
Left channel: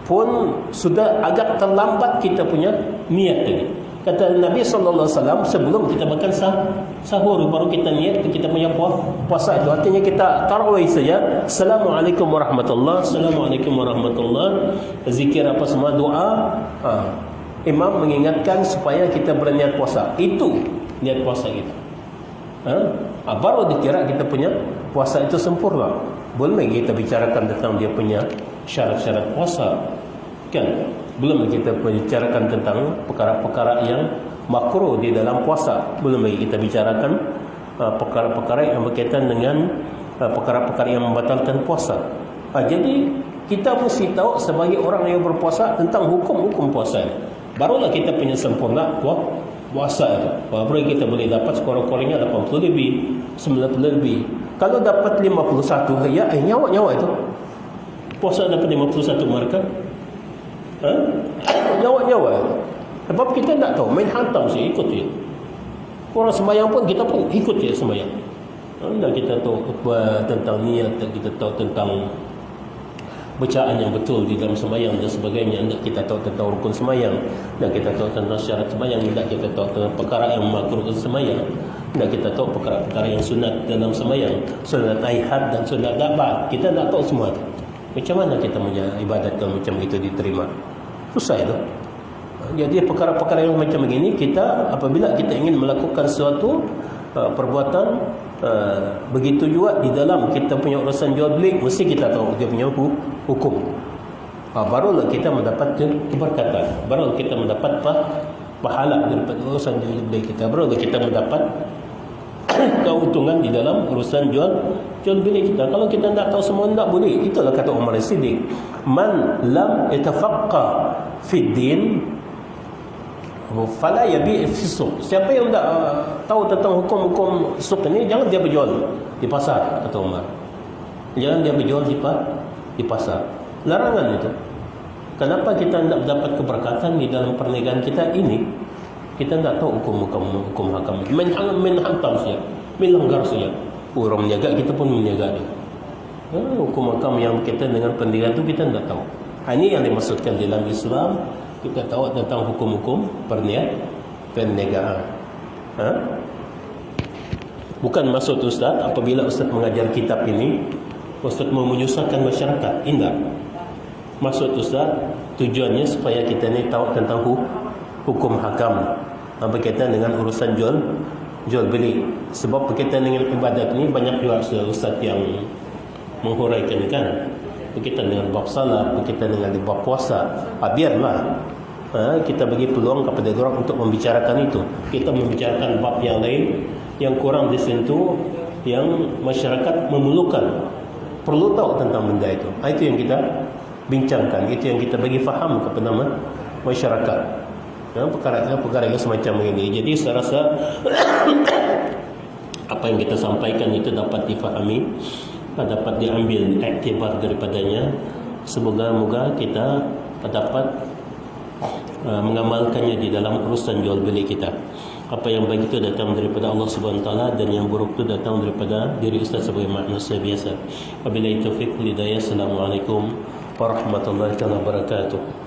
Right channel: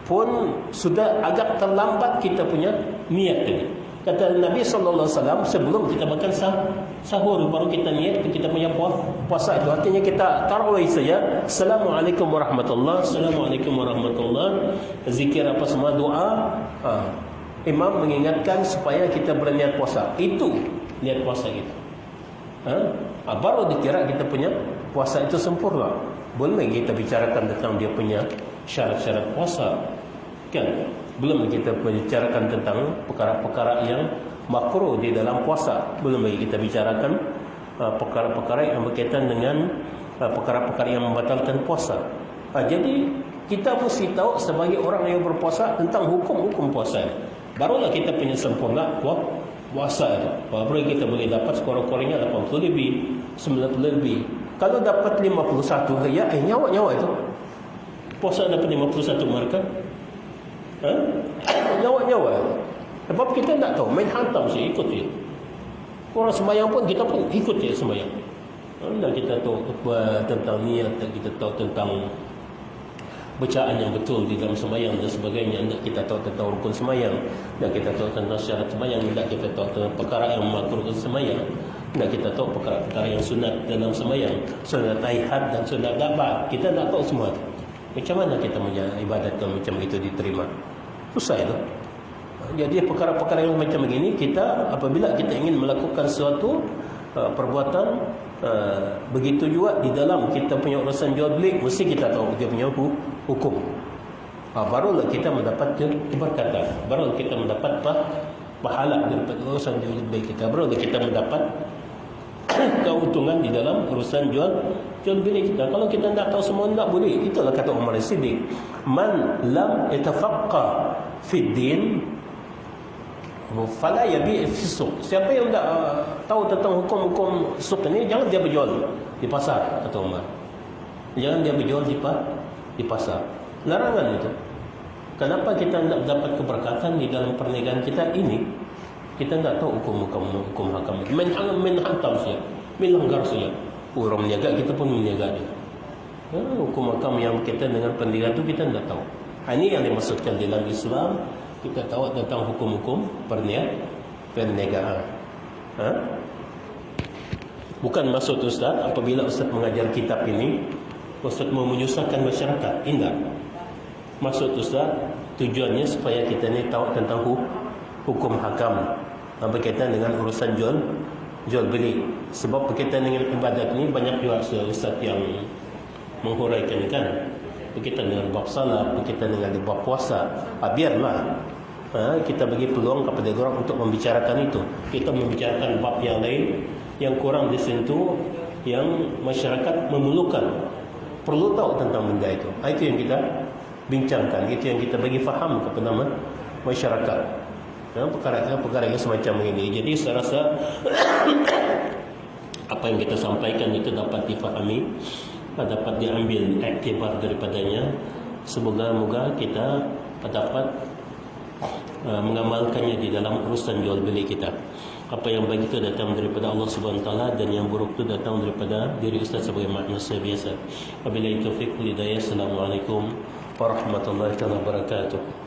pun sudah agak terlambat kita punya niat tadi. Kata Nabi SAW, sebelum kita makan sahur baru kita niat kita punya puasa itu. Artinya kita tarawih saja, Assalamualaikum warahmatullahi, Assalamualaikum warahmatullahi, zikir apa semua, doa. Imam mengingatkan supaya kita berniat puasa. Itu niat puasa kita. Baru dikira kita punya puasa itu sempurna. Boleh kita bicarakan tentang dia punya syarat-syarat puasa, kan? Belum kita bicarakan tentang perkara-perkara yang makruh di dalam puasa. Belum lagi kita bicarakan perkara-perkara yang berkaitan dengan perkara-perkara yang membatalkan puasa. Jadi kita mesti tahu sebagai orang yang berpuasa tentang hukum-hukum puasa. Barulah kita punya sempurna puasa itu. Baru kita boleh dapat sekurang-kurangnya 80 lebih, 90 lebih. Kalau dapat 51, ya nyawa-nyawa itu. Puasa dapat 51 mereka. Nyawa-nyawa. Sebab kita tak tahu, main hantam saya ikut je. Orang semayang pun kita pun ikut je semayang. Dan kita tahu tentang niat, kita tahu tentang bacaan yang betul di dalam semayang dan sebagainya. Dan kita tahu tentang rukun semayang, dan kita tahu tentang syarat semayang, dan kita tahu tentang perkara yang makruh dalam semayang, dan kita tahu perkara-perkara yang sunat dalam semayang, sunat ihad dan sunat dabah. Kita tak tahu semua itu. Macam mana kita menjalani ibadat yang macam itu diterima? Susah itu. Jadi perkara-perkara yang macam begini, kita apabila kita ingin melakukan suatu perbuatan, begitu juga di dalam kita punya urusan jual beli, mesti kita tahu dia punya hukum. Barulah kita mendapat keberkatan, barulah kita mendapat pahala daripada urusan jual beli kita, barulah kita mendapat keuntungan di dalam urusan jual beli kita. Kalau kita tidak tahu semua, tidak boleh. Itulah kata Umar As-Siddiq, man lam yatafaqqa fi din fala yabi' fi suq. Siapa yang tidak tahu tentang hukum-hukum suq ini, jangan dia berjual di pasar, kata Umar. Jangan dia berjual di pasar. Larangan itu. Kenapa kita tidak dapat keberkatan di dalam perniagaan kita ini? Kita tidak tahu hukum hakam. Menhantam saja, melanggar saja. Orang menjaga, kita pun menjaga dia. Hukum hakam yang kita dengan perniagaan itu kita tidak tahu. Ini yang dimaksudkan dalam Islam. Kita tahu tentang hukum-hukum perniagaan. Bukan maksud Ustaz apabila Ustaz mengajar kitab ini, Ustaz mau menyusahkan masyarakat. Tidak. Maksud Ustaz, tujuannya supaya kita ni tahu tentang hukum hakam berkaitan dengan urusan jual beli. Sebab berkaitan dengan ibadat ni banyak juga Ustaz yang menghuraikan, kan, berkaitan dengan bab salat, berkaitan dengan bab puasa. Biarlah kita bagi peluang kepada orang untuk membicarakan itu. Kita membicarakan bab yang lain yang kurang disentuh, yang masyarakat memerlukan, perlu tahu tentang benda itu. Itu yang kita bincangkan, itu yang kita bagi faham kepada masyarakat. Perkara semacam ini. Jadi saya rasa apa yang kita sampaikan itu dapat difahami, dapat diambil iktibar daripadanya. Semoga-moga kita dapat mengamalkannya di dalam urusan jual beli kita. Apa yang baik itu datang daripada Allah Subhanahu Wa Taala, dan yang buruk itu datang daripada diri Ustaz sebagai manusia biasa. Wabillahi taufiq wal hidayah. Assalamualaikum warahmatullahi wabarakatuh.